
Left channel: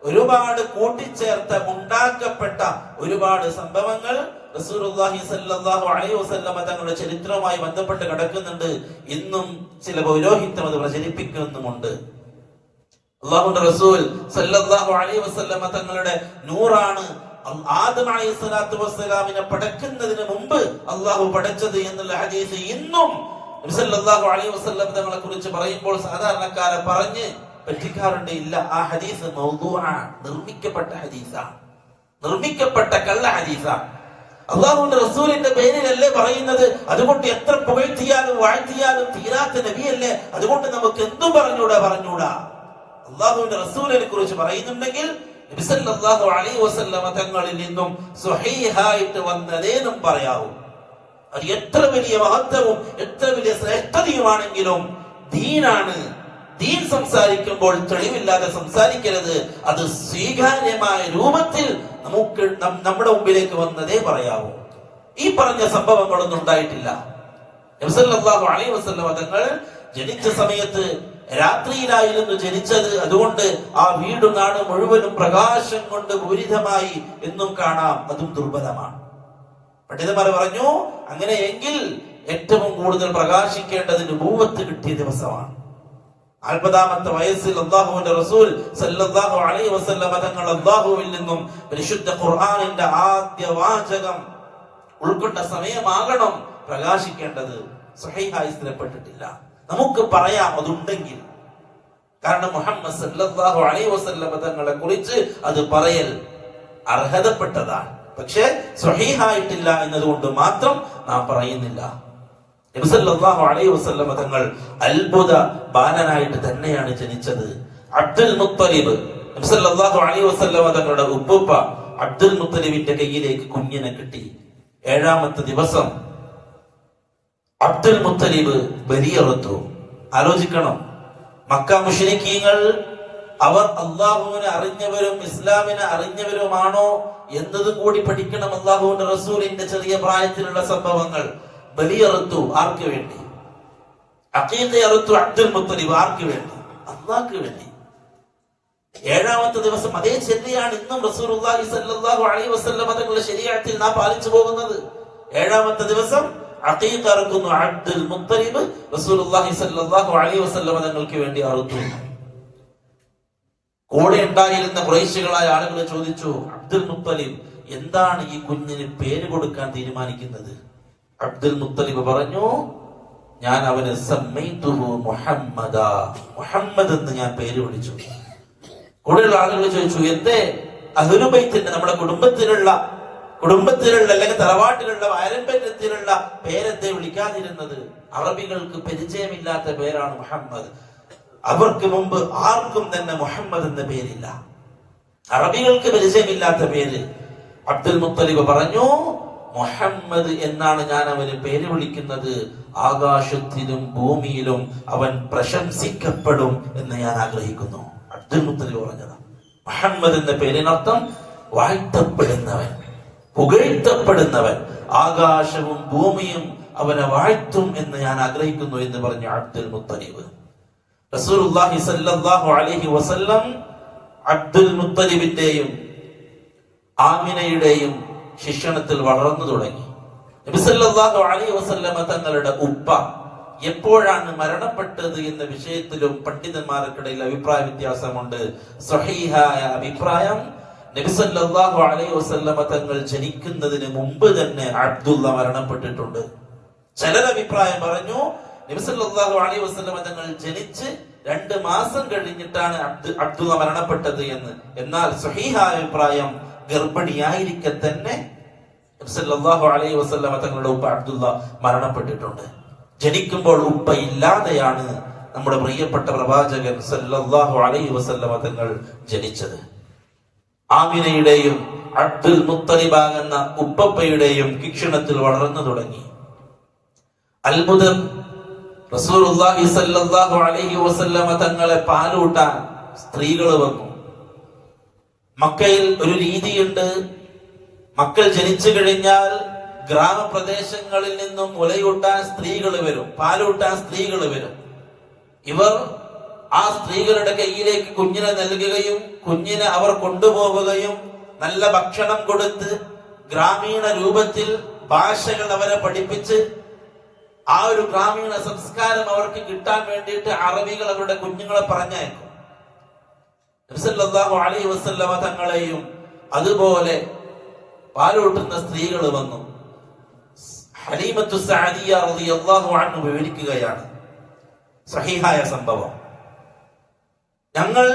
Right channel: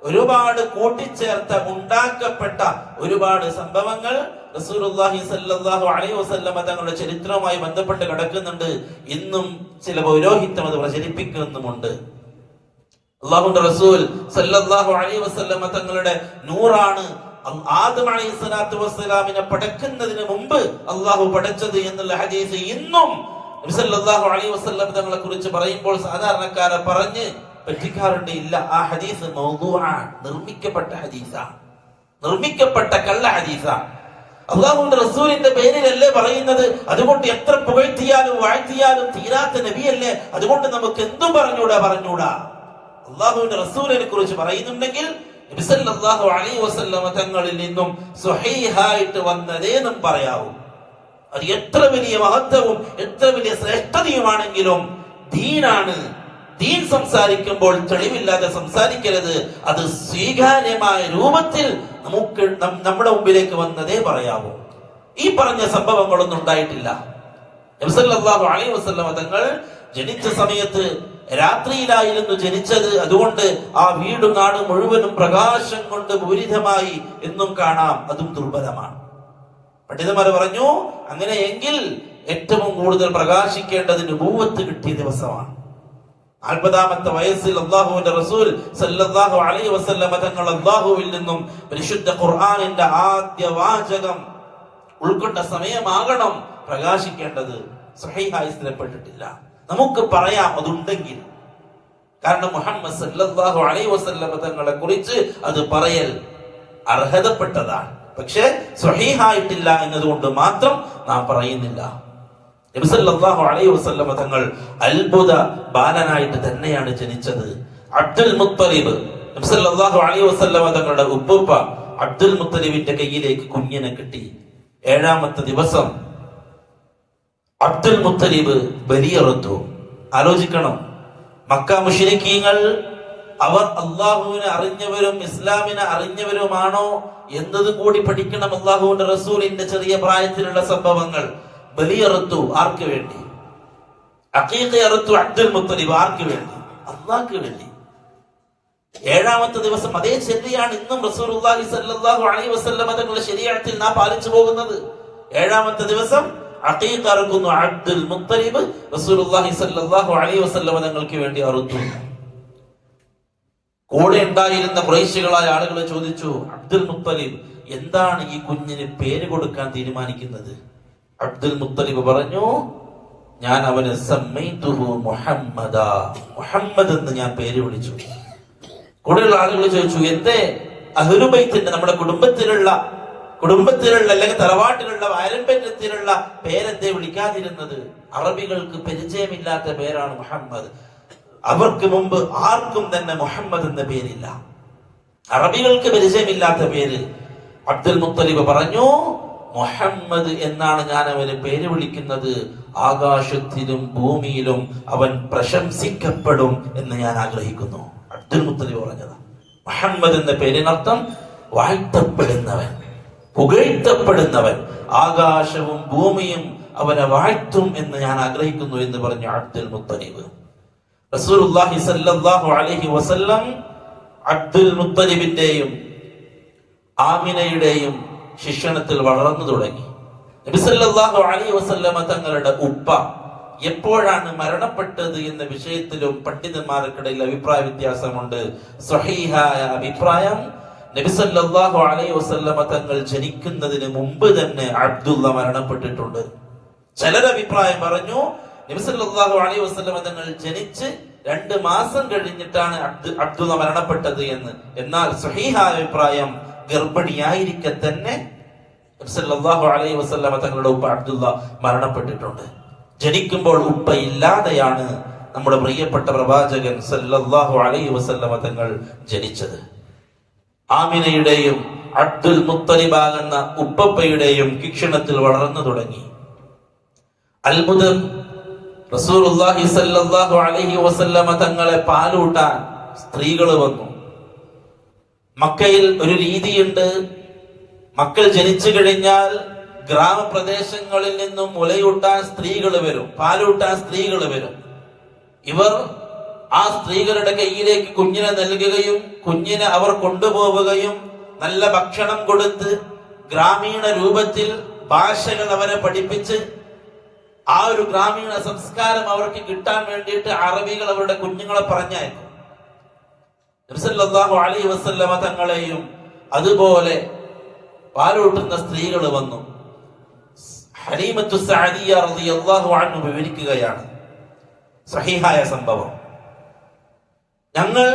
ഒരുപാട് കൂട്ടിച്ചേർത്ത, ഉണ്ടാക്കപ്പെട്ട ഒരുപാട് സംഭവങ്ങൾ റസൂലുള്ളാഹി സ്വല്ലല്ലാഹു അലൈഹി വസല്ലം തങ്ങളുടെ ചരിത്രവുമായി ബന്ധപ്പെട്ട് കിടക്കുന്നുണ്ട്. ഇന്നും ചില പൗരോഹിത്യം അത് പ്രചരിപ്പിക്കുന്നുമുണ്ട്. അല്ലാഹുവിന്റെ റസൂൽ സല്ലല്ലാഹു അലൈഹി വസല്ലം തങ്ങളുടെ നൂറാണ് ആദം അലൈഹിസ്സലാത്തു വസ്സലാമിനെ പടക്കുന്നതിന് മുമ്പ് അല്ലാഹു പടച്ചത് എന്നുള്ള ഹദീസ് ഇന്നും നബി സല്ലല്ലാഹു അലൈഹി വസല്ലം തങ്ങളെ കുറിച്ച് പറയുമ്പോൾ സാധാരണക്കാരെ പറഞ്ഞ് പറ്റിക്കാറുണ്ട്. ഇല്ല, ആ ഹദീസ് മൗദൂആണ്, നിർമ്മിക്കപ്പെട്ട ഹദീസാണ്, നിർമ്മിക്കപ്പെട്ട കള്ള ഹദീസാണ്. അല്ലാഹുവിന്റെ റസൂലിന്റെ പേരിലല്ലേ പറയുന്നത്. അതുകൊണ്ട് എത്ര പുകഴ്ത്തിയാലും വാഴ്ത്തിയാലും തീരാത്ത നബിയല്ലേ, അതുകൊണ്ട് നമുക്ക് എന്തും പറഞ്ഞൂടാ. അല്ലാഹുവിന്റെ റസൂലിനെ കുറിച്ച് പറയുന്നുണ്ടെങ്കിൽ നബി സല്ലല്ലാഹു അലൈഹി വസല്ലം തങ്ങളിൽ നിന്നും സ്വഹീഹായിട്ട് വന്നതേ നാം പറയാവൂ. അത് എത്ര വലിയ മഹത്വവും എത്ര വലിയ ശ്രേഷ്ഠതയുമാണെങ്കിലും ദീനാണ്. ദീൻ സംസാരിക്കുമ്പോൾ തെളിവില്ലാതെ സംസാരിക്കരുത്. അത് സ്വീകാര്യമായ രൂപത്തിൽ നമുക്ക് നമ്മുടെ മുമ്പിലേക്ക് വന്നതേ പറയാവൂ. ഈ പറഞ്ഞ സംഭവങ്ങളൊന്നും ഉണ്ടായിട്ടില്ല. നബി സല്ലല്ലാഹു അലൈഹി വസല്ലം തങ്ങൾ ജനിച്ച സമയത്ത് രാത്രിയിലായിരുന്നു ജനിച്ചത്. അതുകൊണ്ട് ആ വീടും നാടും മുഴുവനും പ്രകാശം കൊണ്ട് പൂരിതമായി എന്നും കാണാം. അതും ദുർബലമാണ്. പണ്ഡിതന്മാര് പറഞ്ഞു, അങ്ങനെയെങ്കിൽ ഏറ്റവും കൂടുതൽ പ്രകാശിക്കേണ്ടത് നുബുവത്ത് കിട്ടിയ ദിവസമാണ്. 40-ാമത്തെ വയസ്സിൽ അല്ലാഹുവിന്റെ റസൂൽ സല്ലല്ലാഹു അലൈഹി വസല്ലം തങ്ങൾ അല്ലാഹുവിൽ നിന്നും പരിശുദ്ധ ഖുർആനിന്റെ ആദ്യ വാചകം ഉൾക്കൊണ്ട സമയമാകണം പ്രകാശിക്കേണ്ടത്. സ്വഹീഹായി സ്ഥിരപ്പെട്ടിട്ടില്ല. നമുക്ക് പറയാം അതുണ്ടെങ്കിൽ. കാരണം മുഹമ്മദ് സല്ലല്ലാഹു അലൈഹി വസല്ലം തങ്ങളെ കുറിച്ച് അത് പറയൽ അർഹതപ്പെട്ടതാണ്. പക്ഷേ സ്വഹീഹായിട്ടില്ല എന്നതുകൊണ്ട് മാത്രം നാം പറയുന്നില്ല. നബി സല്ലല്ലാഹു അലൈഹി വസല്ലം തങ്ങൾ അത്ഭുത ബാലനായിട്ട് തന്നെയാണ് ജനിച്ചത്. അബ്ദുൽ മുത്തലിബ്, നബി സല്ലല്ലാഹു അലൈഹി വസല്ലം തങ്ങളുടെ ഉപ്പുപ്പ അബ്ദുൽ മുത്തലിബിന്റെ കയ്യിലേക്ക് കുഞ്ഞിനെ കിട്ടി. 7-ാമത്തെ ദിവസം അബ്ദുൽ മുത്തലിബ് ബലിയറുത്തു. ആലോചിക്കണം, മക്ക മുശ്രിക്കീങ്ങൾ അവർ അള്ളാഹുവിനെ അറിഞ്ഞവരും ഇസ്ലാമിനെ അറിഞ്ഞവരുമാണോ എന്നതും കൂടി പഠിക്കണം. അള്ളാഹുവിന്റെ റസൂലിന്റെ ചെറിയ പ്രായത്തിലുള്ള സംഭവങ്ങൾ. ബലിയറുത്തു ആർക്ക് വേണ്ടി? അഖീഖ അറുത്തു അബ്ദുൽ മുത്തലിബ് ആർക്ക് വേണ്ടി? അള്ളാഹ്ക്ക് വേണ്ടി. 7-ാമത്തെ ദിവസം അതേ ശരിയാണ് ഇന്നും റസൂലുള്ളാഹി സ്വല്ലല്ലാഹു അലൈഹി വസല്ലം തങ്ങളുടെ ശരീഅത്തിൽ നാം പാലിച്ചു പോകുന്നത്. 7-ാമത്തെ ദിവസം അഖീഖ അറുക്കുന്നു അബ്ദുൽ മുത്തലിബ് റസൂലുള്ളാഹി സ്വല്ലല്ലാഹു അലൈഹി വസല്ലം തങ്ങൾക്ക് വേണ്ടി അറുത്തു. കൂടെ ഉണ്ടായിരുന്ന ഖുറൈശികളായ ആളുകൾ ചോദിച്ചു, അബ്ദുൽ മുത്തലിബ്, എന്താണ് ഈ കുഞ്ഞിന് പേര് കൊടുക്കാൻ തീരുമാനിക്കുന്നത്? അബ്ദുൽ മുത്തലിബ് പറഞ്ഞു, ഞാൻ അവന് സമ്മൈതുഹു മുഹമ്മദ, മുഹമ്മദ് എന്ന് ഞാൻ പേര് വിളിച്ചു. കൂടെയുള്ള ആളുകൾ ചോദിച്ചു, എന്തേ അഹ്ലുബൈത്തിന്റെ നമ്മുടെ കുടുംബത്തിലുള്ള അല്ലെങ്കിൽ തറവാട്ടിലുള്ള പാരമ്പര്യത്തിലുള്ള പേരെന്തേ വിളിക്കാതിരുന്നത്? അറബികൾക്ക് പരിചയമില്ലാത്ത പേരാണ് മുഹമ്മദ്. അവർക്ക് മുമ്പ് ആർക്കും തന്നെ മുഹമ്മദ് എന്ന പേരില്ല, അറബികൾക്ക് പരിചയമില്ലാത്ത പേര്. അബ്ദുൽ മുത്തലിബ് പറഞ്ഞു, മുഹമ്മദ് എന്നാണ് ഞാൻ അവന് പേര് വിളിക്കുന്നത്. ആകാശത്തിലും ഭൂമിയിലും അവൻ പ്രശംസിക്കപ്പെടും എന്ന് ഞാൻ ആഗ്രഹിക്കുന്നു. അബ്ദുൽ മുത്തലിബ് പറഞ്ഞത് മുഹമ്മദ് എന്ന പേരിനർത്ഥം വാഴ്ത്തപ്പെടുന്നവൻ, പുകഴ്ത്തപ്പെടുന്നവൻ. ആകാശവും ഭൂമിയും അവനെ വാഴ്ത്തും എന്ന് ഞാൻ ആഗ്രഹിക്കുന്നു എന്ന് പറഞ്ഞു അബ്ദുൽ മുത്തലിബ്. റസൂലുള്ളാഹി സ്വല്ലല്ലാഹു അലൈഹി വസല്ലം അബ്ദുൽ മുത്തലിബിന്റെയും ആമിനയുടെയും ശിക്ഷണത്തിൽ വളർന്നു തുടങ്ങി. നബി സല്ലല്ലാഹു അലൈഹി വസല്ലമ തങ്ങളുടെ ഉപ്പ എപ്പോഴാണ് മരണപ്പെട്ടത് എന്ന വിഷയത്തിലും പണ്ഡിതന്മാർക്കിടയിൽ അഭിപ്രായ വ്യത്യാസമുണ്ട്. സ്വഹീഹായ അഭിപ്രായം, നബി സല്ലല്ലാഹു അലൈഹി വസല്ലമ തങ്ങൾ ജനിക്കുന്നതിന് മുമ്പ് തന്നെ അബ്ദുള്ള മരണപ്പെട്ടിട്ടുണ്ട്. ചിലർ അഭിപ്രായം പറഞ്ഞു, നബി സല്ലല്ലാഹു അലൈഹി വസല്ലമ തങ്ങൾ ജനിച്ച് 2 മാസം കഴിഞ്ഞിട്ടാണ് അബ്ദുള്ള മരണപ്പെട്ടത് എന്ന്. എന്നാൽ സ്വഹീഹായ അഭിപ്രായം, ഗർഭിണിയായിരിക്കെ തന്നെ നബി സല്ലല്ലാഹു അലൈഹി വസല്ലമ തങ്ങളുടെ ഉപ്പ അബ്ദുള്ള മരണപ്പെട്ടിട്ടുണ്ട്. ജനിക്കുമ്പോൾ ഉപ്പ ഇല്ലാതെയാണ് നമ്മുടെ പ്രിയപ്പെട്ട പ്രവാചകൻ സല്ലല്ലാഹു അലൈഹി വസല്ലമ തങ്ങൾ ജനിച്ചത്. ആമിനയുടെയും അബ്ദുൽ മുത്തലിബാകുന്ന ഉപ്പപ്പയുടെയും ശിക്ഷണത്തിൽ വളർന്നു തുടങ്ങി. അത്ഭുതം, റസൂലുള്ളാഹി സ്വല്ലല്ലാഹു അലൈഹി വസല്ലമ തങ്ങളെ പാലൂട്ടാൻ സ്ത്രീകൾ വന്നു. മക്കയിൽ ഒരു രീതിയുണ്ട്, മക്കൾ ജനിച്ചു കഴിഞ്ഞാൽ ഗ്രാമപ്രദേശങ്ങളിൽ നിന്നും മുലയൂട്ടാൻ സ്ത്രീകൾ വരും, പാലൂട്ടാൻ സ്ത്രീകൾ വരും. ഇവർ ആ സ്ത്രീകളുടെ കയ്യിലേക്ക് കുഞ്ഞിനെ നൽകുകയും കുഞ്ഞിനെ അവർ കൊണ്ടുപോവുകയും നല്ല ഭക്ഷണം കൊടുത്ത് ഗ്രാമീണ രൂപത്തിൽ ഭാഷകൾ അവരെ പഠിപ്പിച്ച് ആ ഒരു ഗ്രാമീണ സംസ്കാരം അവർക്ക് കിട്ടാൻ വേണ്ടിയിട്ട് അറബികൾ അവരുടെ കുഞ്ഞുങ്ങളെ പറഞ്ഞയക്കും. നബി സല്ലല്ലാഹു അലൈഹി വസല്ലമ തങ്ങളെയും അതുപോലെ പാലൂട്ടുന്ന സ്ത്രീകൾ വന്നു. ഹലീമത്തു സഅദിയ റളിയല്ലാഹു അൻഹ വിവരിക്കുകയാണ് സഹീഹായ സംഭവം. ഞങ്ങൾ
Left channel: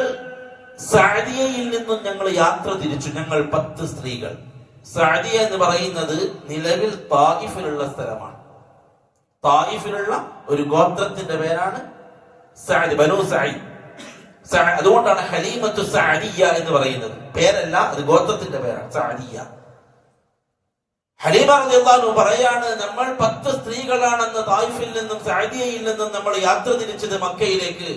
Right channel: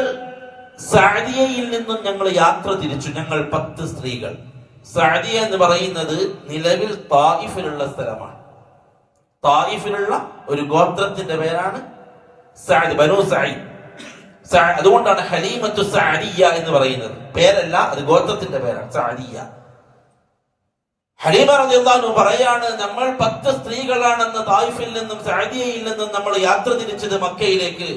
സഅദിയയിൽ നിന്നും ഞങ്ങൾ യാത്ര തിരിച്ചു. ഞങ്ങൾ 10 സ്ത്രീകൾ. സഅദിയ എന്ന് പറയുന്നത് നിലവിൽ തായിഫിലുള്ള സ്ഥലമാണ്. തായിഫിലുള്ള ഒരു ഗോത്രത്തിന്റെ പേരാണ് സഅദ്, ബനൂ സഅദ്. അതുകൊണ്ടാണ് ഹലീമത്തു സഅദിയ എന്ന് പറയുന്നത്. പേരല്ല, അത് ഗോത്രത്തിന്റെ പേരാണ്, സഅദിയ. ഹലീമ റളിയല്ലാഹു അൻഹ പറയാണ്, നമ്മൾ 10 സ്ത്രീകളാണെന്ന് തായിഫിൽ നിന്നും സഅദിയയിൽ നിന്നും നമ്മൾ യാത്ര തിരിച്ചത് മക്കയിലേക്ക്.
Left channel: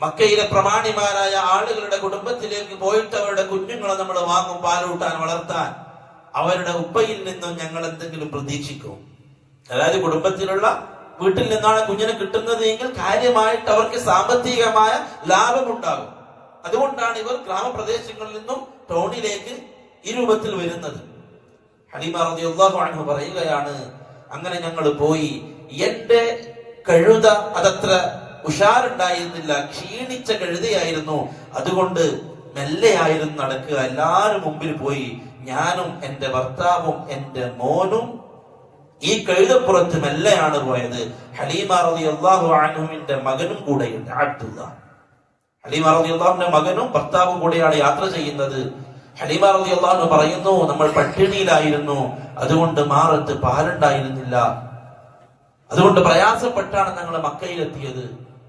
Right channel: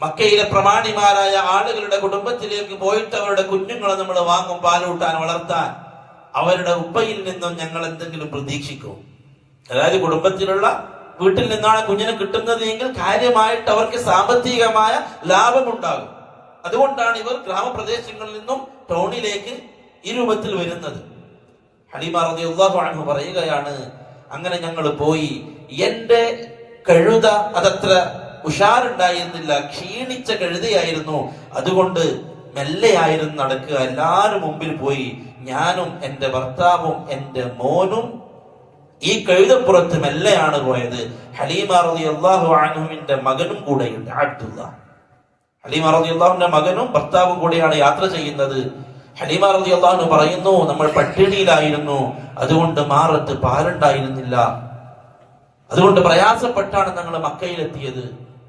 മക്കയിലെ പ്രമാണിമാരായ ആളുകളുടെ കുടുംബത്തിലേക്ക് പോയിട്ട് അവരുടെ കുഞ്ഞുങ്ങളെ നമ്മൾ വാങ്ങും, പാലൂട്ടാൻ, വളർത്താൻ. അവരുടെ ഉപ്പയിൽ നിന്നും ഞങ്ങൾ എന്തെങ്കിലും പ്രതീക്ഷിക്കും. അതായത് കുടുംബത്തിലുള്ള വീട്ടിൽ നിന്നാണ് കുഞ്ഞിനെ കിട്ടുന്നത് എങ്കിൽ കാര്യമായിട്ട് അവർക്ക് സാമ്പത്തികമായ ലാഭമുണ്ടാകും. അതുകൊണ്ടാണ് ഇവർ ഗ്രാമപ്രദേശങ്ങളിൽ നിന്നും ടൗണിലേക്ക് ഈ രൂപത്തിൽ വരുന്നത്. ഹലീമ റളിയല്ലാഹു അൻഹ പറയുകയാണ്, അങ്ങനെ ഞങ്ങൾ പോയി. എന്റെ കഴുത അതത്ര ഉഷാറുണ്ടായിരുന്നില്ല, ക്ഷീണിച്ച കഴുതയായിരുന്നു. അതുകൊണ്ട് മെല്ലെയായിരുന്നു നടക്കുക. എല്ലാവരും മുമ്പിൽ പോയി. ഞാനും എന്റെ ഭർത്താവും എന്റെ മോനും ഈ കഴുതപ്പുറത്ത് മെല്ലെയാണ് പോയത്. ഹലീമ റളിയല്ലാഹു അൻഹുവിന്റെ മകനും കൂടെയുണ്ട്, അബ്ദുള്ള. ഹലീമ റളിയല്ലാഹുവിന്റെ മകനും ഭർത്താവും കൂടെയാണ് യാത്ര ചെയ്യുന്നത്. ഹലീമ റളിയല്ലാഹു അൻഹ പറയുന്നു, നമ്മൾ പട്ടിണിയിലായിരുന്നു, അതുകൊണ്ട് മാറത്ത് പാലുണ്ടായിരുന്നില്ല. അതുകൊണ്ട് പ്രയാസപ്പെട്ടാണ് ഞങ്ങൾ മക്കയിലെത്തിയത്.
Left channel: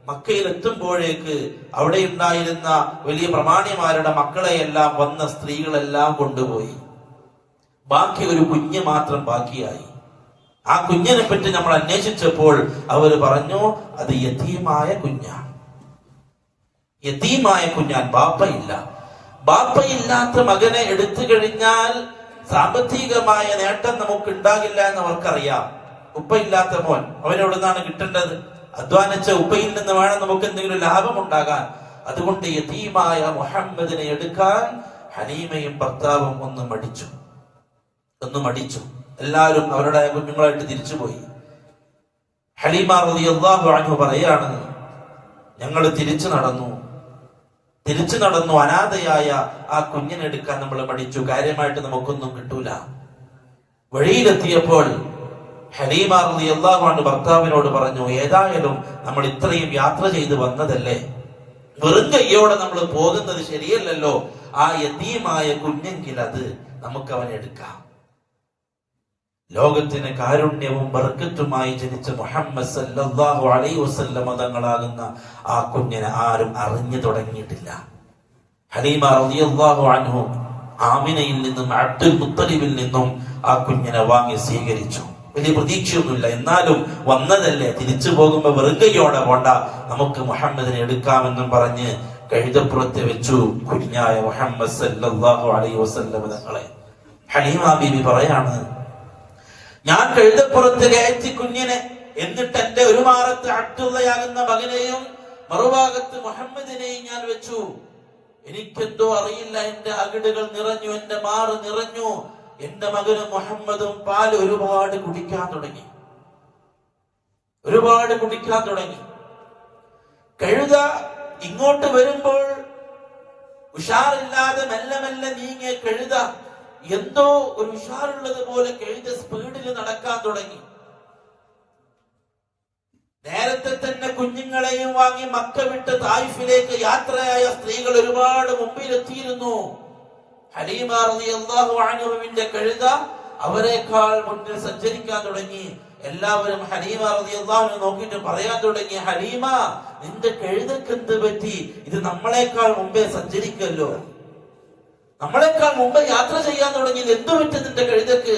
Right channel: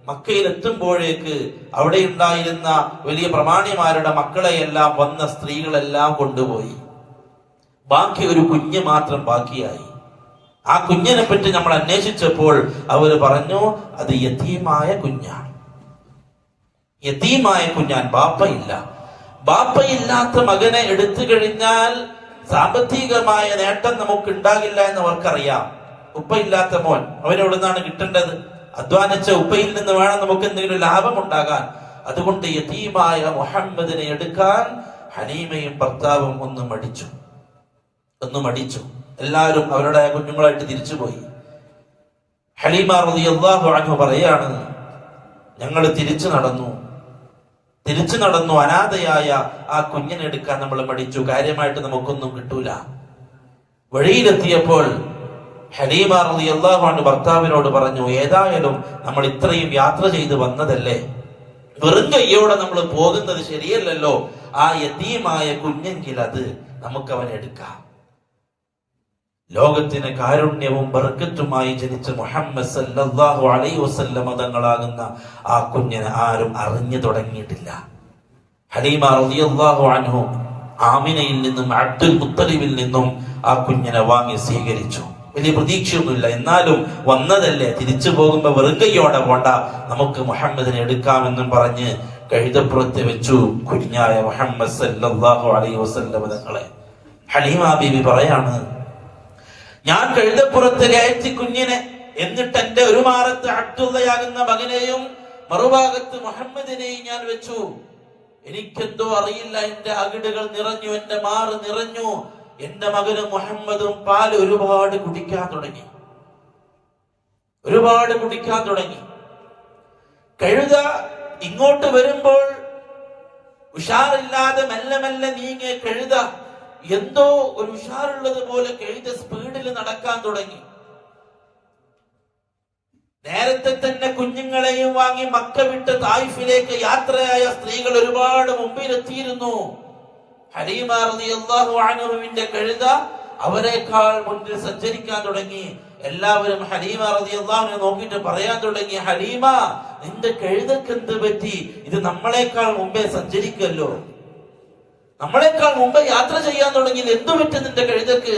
മക്കയിലെത്തുമ്പോഴേക്ക് അവിടെ ഉണ്ടായിരുന്ന വലിയ പ്രമാണിമാരുടെ മക്കളെയെല്ലാം വന്ന സ്ത്രീകളെല്ലാം കൊണ്ടുപോയി. ബാക്കി ഒരു കുഞ്ഞ് മാത്രം ബാക്കിയായി. ആ കുഞ്ഞിനെ പറ്റി നമ്മൾ അന്വേഷിച്ചപ്പോൾ അവർ പറഞ്ഞു, അത് യതീമായ കുഞ്ഞാണ്. യതീമായ കുഞ്ഞാൻ, ബാപ്പയില്ല. ബാപ്പയില്ലാത്ത മകനെ എടുത്തു കഴിഞ്ഞാൽ സാമ്പത്തികമായ നേട്ടം നമുക്ക് ഉണ്ടാകില്ല എന്ന് അവർക്കറിയാം. ഉപ്പയില്ലാത്ത മോൻ, അവനെവിടുന്നാണ് കിട്ടേണ്ടത്? അധ്വാനിച്ച ഉപ്പയിൽ നിന്ന് വേണം നമുക്ക് എന്തെങ്കിലും ലാഭം ഉണ്ടാകാൻ. അതുകൊണ്ട് യതീമായ മുഹമ്മദിനെ എടുക്കാൻ ഹലീമയും ഭർത്താവും ഒന്ന് മടിച്ചു. എല്ലാവരും അവരുടെ കുഞ്ഞുങ്ങളായിട്ട് തിരിച്ചുപോയി. ഹലീമ റളിയല്ലാഹു അൻഹ പറയാണ്, ഞങ്ങൾ തിരിച്ചു നടന്നു അനാഥയായ ആ കുഞ്ഞിനെ എടുക്കാൻ നമ്മൾ മടിച്ചു. കാര്യമായിട്ട് നമുക്കൊന്നും കിട്ടൂല. വഴിയിലെത്തിയപ്പോൾ ഹലീമ റളിയല്ലാഹു അൻഹ ഭർത്താവിനോട് പറഞ്ഞു, ഏതായാലും നമ്മൾ ഇത്രയും യാത്ര ചെയ്ത് വന്നതല്ലേ, വെറും കയ്യോടെ നമ്മൾ പോകുന്നത് ശരിയല്ലല്ലോ. ആ യതീമായ കുഞ്ഞെങ്കിൽ അത് നമുക്ക് അവൻ എടുക്കാം. ലോകത്തിന് കാരുണ്യവും ബർക്കത്തുമായി ജനിച്ച മുഹമ്മദ് സല്ലല്ലാഹു അലൈഹി വസല്ലം തങ്ങളാകുന്ന ആ കുഞ്ഞിനെ ആരും അറിഞ്ഞു തുടങ്ങിയിട്ടില്ല. ഹലീമ റളിയല്ലാഹു അൻഹു ആമിനയിൽ നിന്നും അബ്ദുൽ മുത്തലിബിൽ നിന്നും ആ കുഞ്ഞിനെ വാങ്ങി സ്വീകരിച്ചു. വലിയ പ്രതീക്ഷയൊന്നുമില്ല, എന്നാലും വന്നതല്ലേ, തിരിച്ചു പോകുമ്പോ വെറുകയോടെ പോണ്ട, നമുക്ക് മുഹമ്മദിനെ എടുക്കാമെന്നും പറഞ്ഞ് കഴുതപ്പുറത്ത് വെച്ചു കുഞ്ഞായ മുഹമ്മദ് സല്ലല്ലാഹു അലൈഹി വസല്ലം തങ്ങളെ. ഹലീമ ബീബി പറയാണ്, ഞാൻ കഴുതപ്പുറത്ത് കയറ്റി കുഞ്ഞിനെ, എന്നിട്ട് എന്റെ ഒരു മാറത്ത് അബ്ദുള്ളയാകുന്ന മകനെയും മറുഭാഗത്ത് മുഹമ്മദിനെയും ഞാൻ വെച്ചു. എനിക്കെന്തോ അറിയില്ല, എന്റെ അകിടുകൾ നിറഞ്ഞു, എന്റെ മാറ് നിറഞ്ഞു. എന്റെ മകന് മുഹമ്മദും പാല് ഒരുപാട് കുടിക്കാൻ തുടങ്ങി. കഴുത ഇങ്ങോട്ട് വരുമ്പോൾ ഉഷാറില്ലാതെ മെല്ലെ മെല്ലെ നീങ്ങിയ കഴുത എന്തോ ഒരു ഉഷാറുള്ളത് പോലെ കഴുത സ്പീഡിൽ നടക്കാൻ തുടങ്ങി. നേരത്തെ തന്നെ കുഞ്ഞുങ്ങളെയും വാങ്ങി മക്ക വിട്ട് തായിഫിലേക്ക് യാത്രയായ സ്ത്രീകൾ ഒരുപാട് മുമ്പിലെത്തിയിരുന്നു. ഹലീമ റളിയല്ലാഹു അൻഹുവിന്റെ കഴുത അവരെക്കാൾ മുന്നിൽ സഞ്ചരിക്കാൻ തുടങ്ങി. എല്ലാവരും ഹലീമ റളിയല്ലാഹു അൻഹ നോക്കിയിട്ട് പറയാൻ തുടങ്ങി, ഹലീമ, നിന്റെ കഴുതക്ക് എന്ത് പറ്റി? ഇത് നമ്മളെക്കാൾ മുമ്പേ സഞ്ചരിക്കല്ലോ, നമ്മളെക്കാൾ മുമ്പ് യാത്ര ചെയ്യാൻ തുടങ്ങി, എന്തു പറ്റി നിന്റെ കഴുതക്ക്?